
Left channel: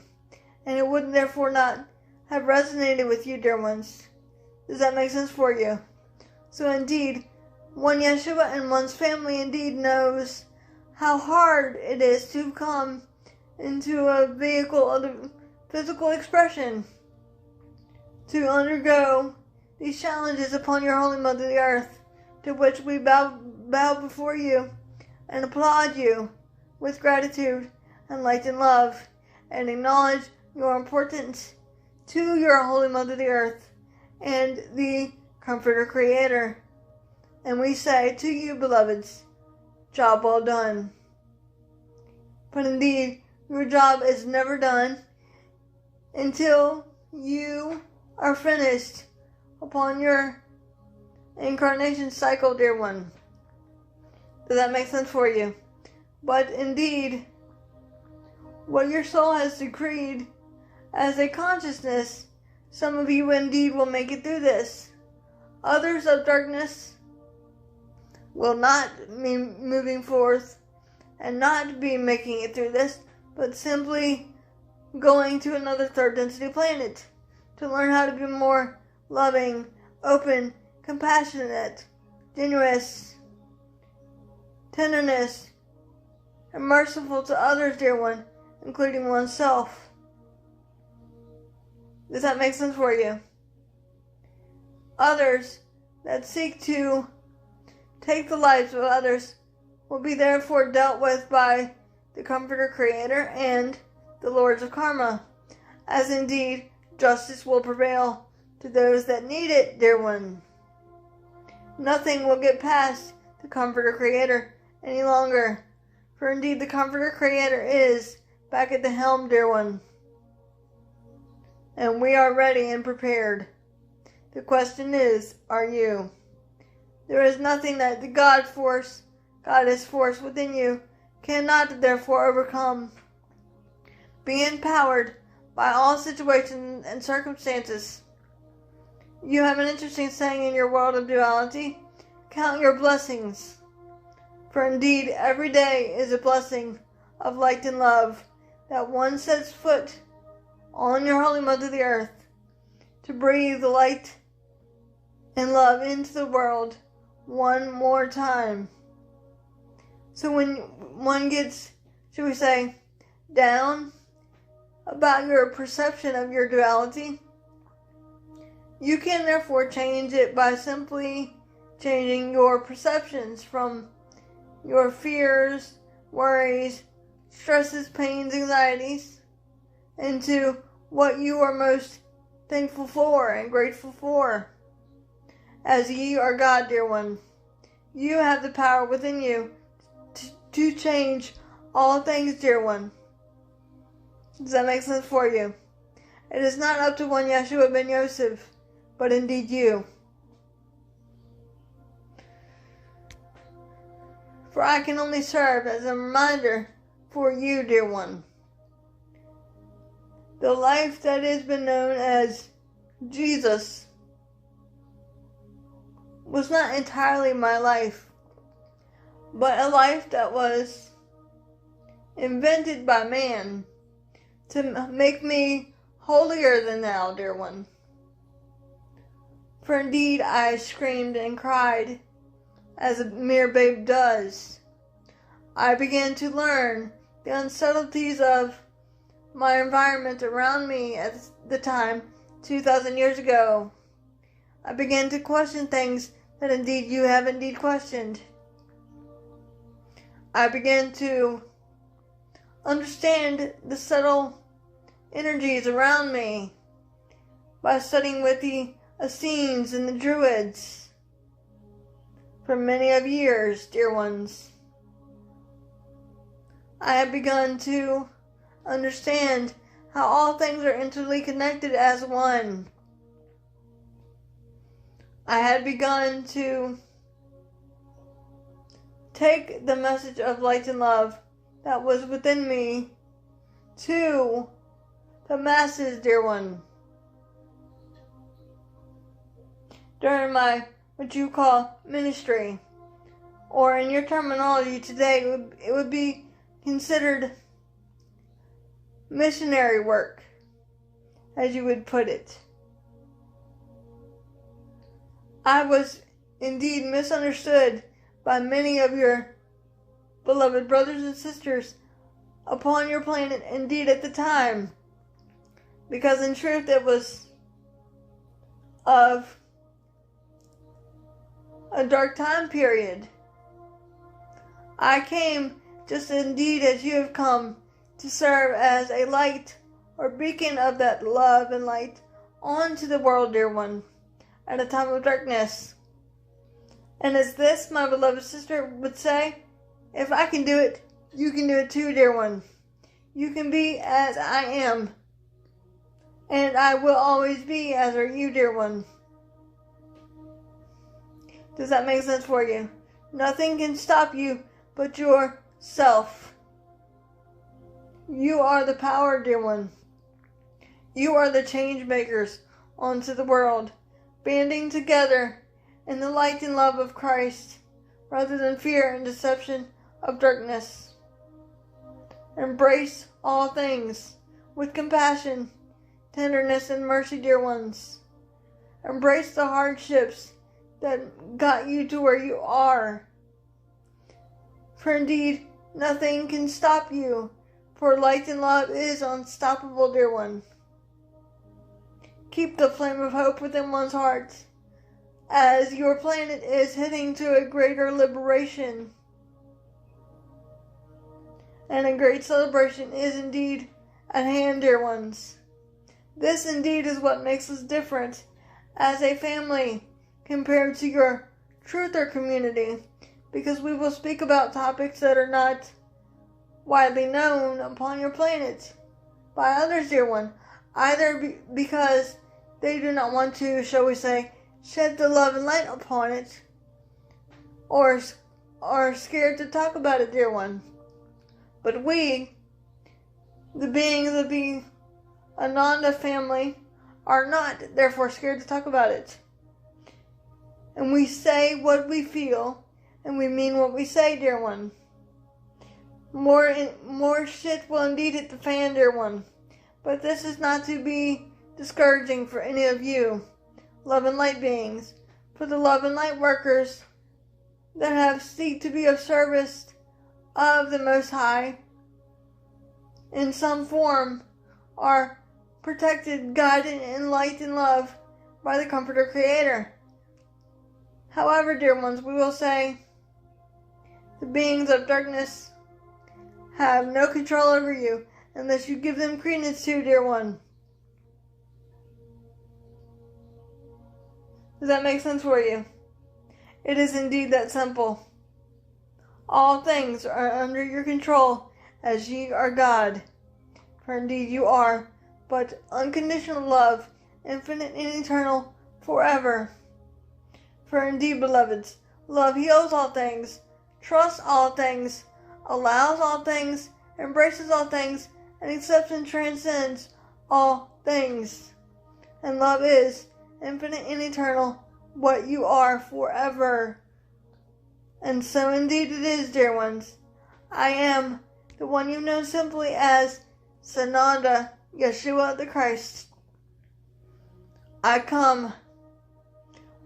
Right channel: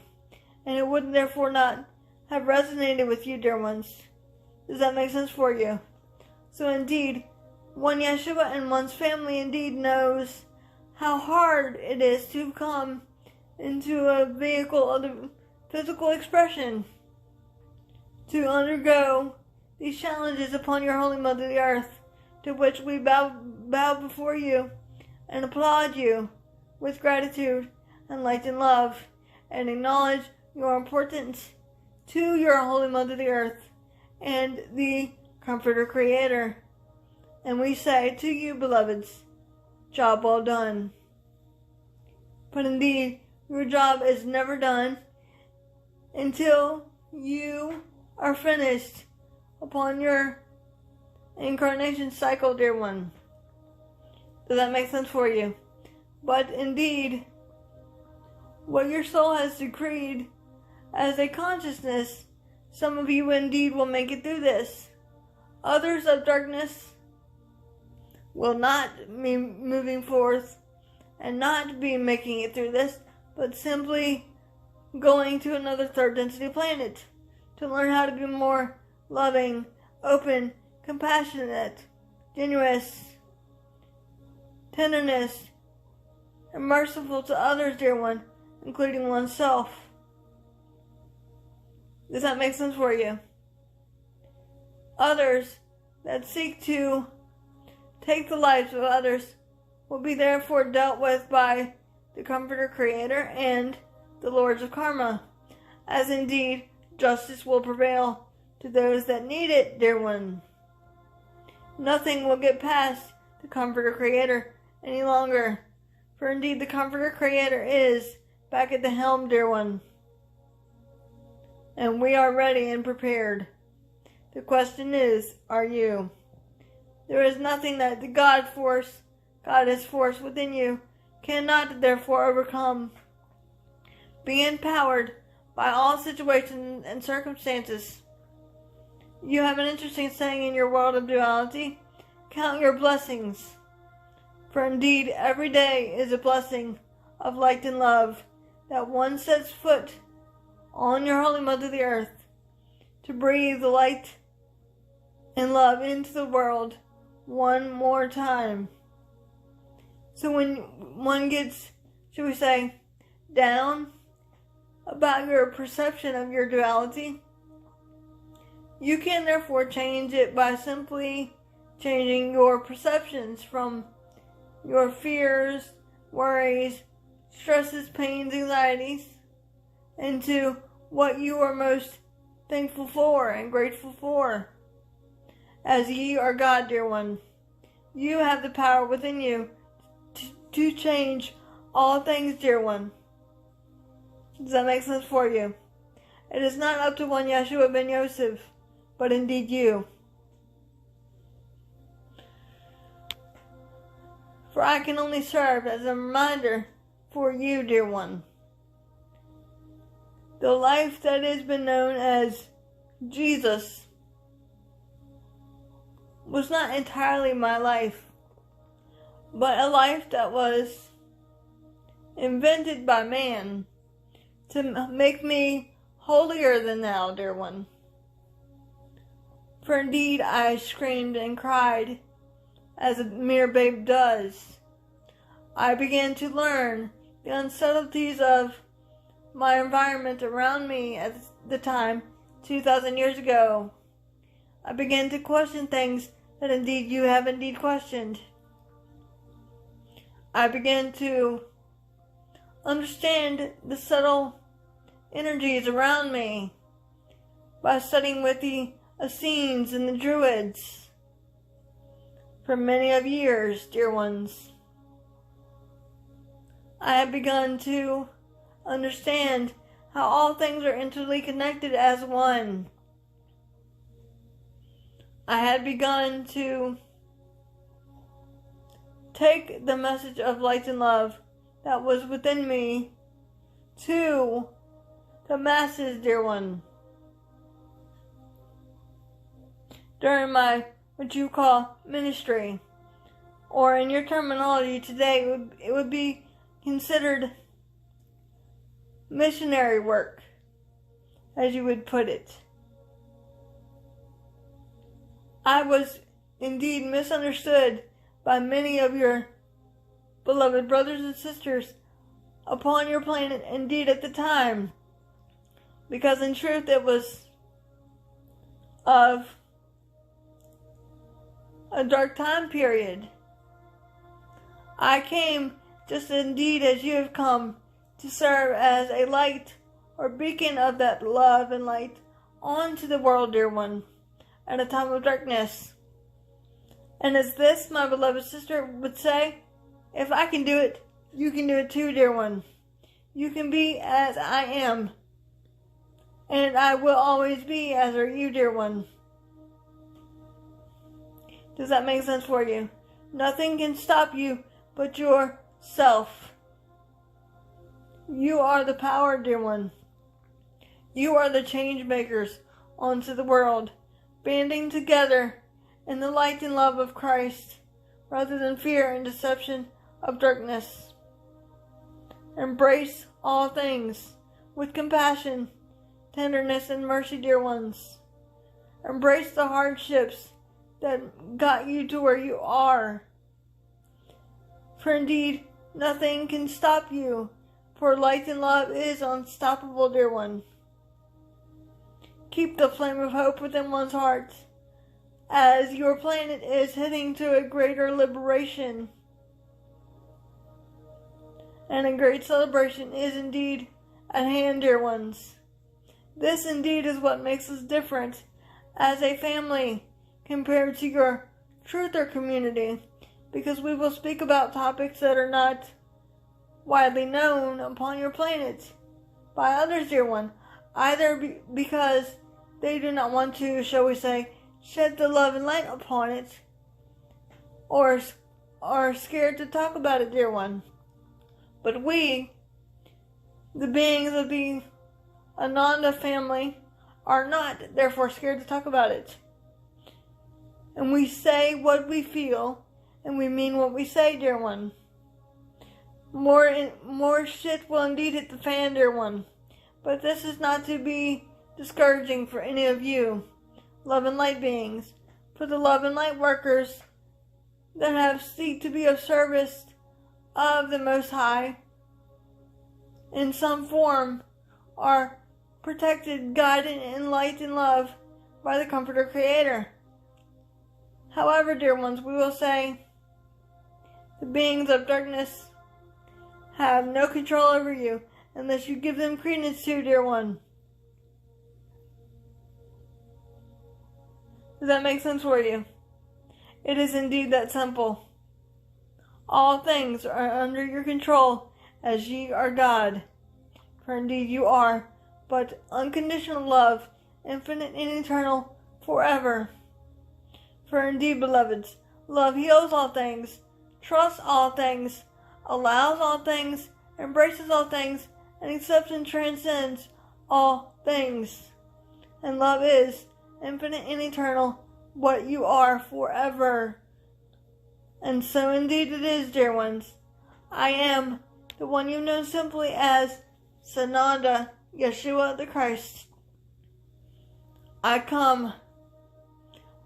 And it would therefore not have resonated with you, dear ones. Does that make sense for you? So indeed, one Yeshua and one's family indeed knows how hard it is to come into a vehicle of the physical expression, to undergo these challenges upon your Holy Mother the Earth, to which we bow before you and applaud you with gratitude and light and love, and acknowledge your importance to your Holy Mother the Earth and the Comforter Creator. And we say to you, beloveds, job well done. But indeed, your job is never done until you are finished upon your incarnation cycle, dear one. Does that make sense for you? But indeed, what your soul has decreed as a consciousness, some of you indeed will make it through this. Others of darkness will not be moving forth and not be making it through this, but simply going to another third density planet to learn how to be more loving, open, compassionate, generous, tenderness, and merciful to others, dear one, including oneself. Does that make sense for you? Others that seek to take the lives of others will be therefore dealt with by the Comforter Creator and the Lords of Karma, as indeed justice will prevail to those that need it, dear one. Nothing will get past the Comforter Creator any longer, for indeed the Comforter Creator is back at the helm, dear one. And we are ready and prepared. The question is, are you? There is nothing that the Goddess force within you cannot therefore overcome. Be empowered by all situations and circumstances You have an interesting saying in your world of duality: count your blessings, for indeed every day is a blessing of light and love that one sets foot on your holy mother the earth to breathe the light and love into the world one more time. So when one gets, should we say, down about your perception of your duality, you can therefore change it by simply changing your perceptions from your fears, worries, stresses, pains, anxieties, into what you are most thankful for and grateful for. As ye are God, dear one, you have the power within you to change all things, dear one. Does that make sense for you? It is not up to one Yeshua ben Yosef, but indeed you. For I can only serve as a reminder for you, dear one. The life that has been known as Jesus was not entirely my life, but a life that was invented by man to make me holier than thou, dear one. For indeed I screamed and cried as a mere babe does. I began to learn the unsubtleties of my environment around me at the time, 2,000 years ago. I began to question things that indeed you have indeed questioned. I began to understand the subtle energies around me by studying with the Essenes and the Druids for many of years, dear ones. I have begun to understand how all things are intimately connected as one. I had begun to take the message of light and love that was within me to the masses, dear one. During my, what you call, ministry, or in your terminology today, it would be considered missionary work, as you would put it. I was indeed misunderstood by many of your beloved brothers and sisters upon your planet, indeed at the time, because in truth it was of a dark time period. I came just indeed as you have come, to serve as a light or beacon of that love and light onto the world, dear one, at a time of darkness. And as this, my beloved sister would say, if I can do it, you can do it too, dear one. You can be as I am, and I will always be as are you, dear one. Does that make sense for you? Nothing can stop you but yourself. You are the power, dear one. You are the change makers onto the world, banding together in the light and love of Christ, rather than fear and deception of darkness. Embrace all things with compassion, tenderness, and mercy, dear ones. Embrace the hardships that got you to where you are. For indeed, nothing can stop you, for light and love is unstoppable, dear one. Keep the flame of hope within one's heart, as your planet is heading to a greater liberation. And a great celebration is indeed at hand, dear ones. This indeed is what makes us different as a family compared to your truther community, because we will speak about topics that are not widely known upon your planet by others, dear one, either because they do not want to, shall we say, shed the love and light upon it, or are scared to talk about it, dear one. But we, the beings of the Ananda family, are not, therefore, scared to talk about it. And we say what we feel, and we mean what we say, dear one. More shit will indeed hit the fan, dear one. But this is not to be discouraging for any of you, love and light beings, for the love and light workers that have seek to be of service of the Most High in some form are protected, guided in light and love by the Comforter Creator. However, dear ones, we will say the beings of darkness have no control over you unless you give them credence to, dear one. Does that make sense for you? It is indeed that simple. All things are under your control, as ye are God. For indeed you are, but unconditional love, infinite and eternal, forever. For indeed, beloveds, love heals all things, trusts all things, allows all things, embraces all things, and accepts and transcends all things. And love is infinite and eternal, what you are forever. And so indeed it is, dear ones. I am the one you know simply as Ananda, Yeshua the Christ. I come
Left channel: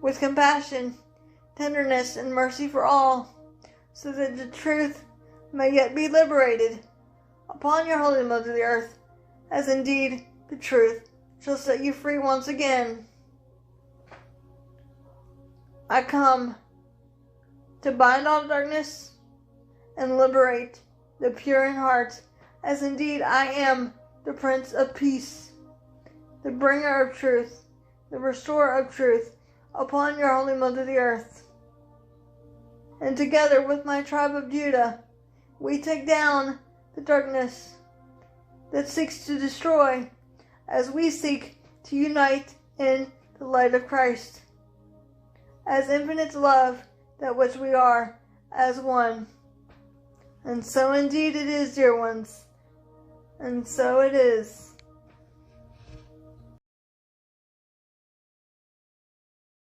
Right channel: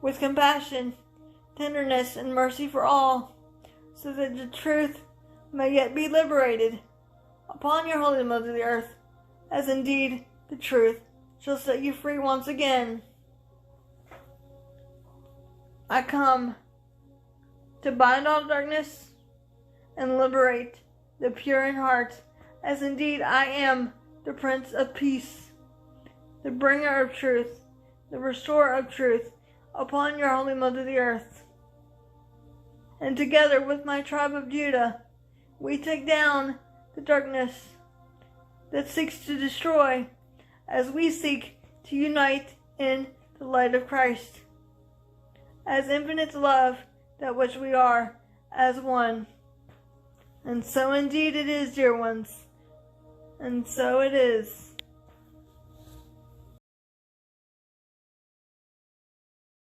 with compassion, tenderness, and mercy for all, so that the truth may yet be liberated upon your holy mother the earth, as indeed the truth shall set you free once again. I come to bind all darkness and liberate the pure in heart, as indeed I am the Prince of Peace, the bringer of truth, the restorer of truth upon your holy mother the earth. And together with my tribe of Judah, we take down the darkness that seeks to destroy, as we seek to unite in the light of Christ, as infinite love, that which we are, as one. And so indeed it is, dear ones, and so it is.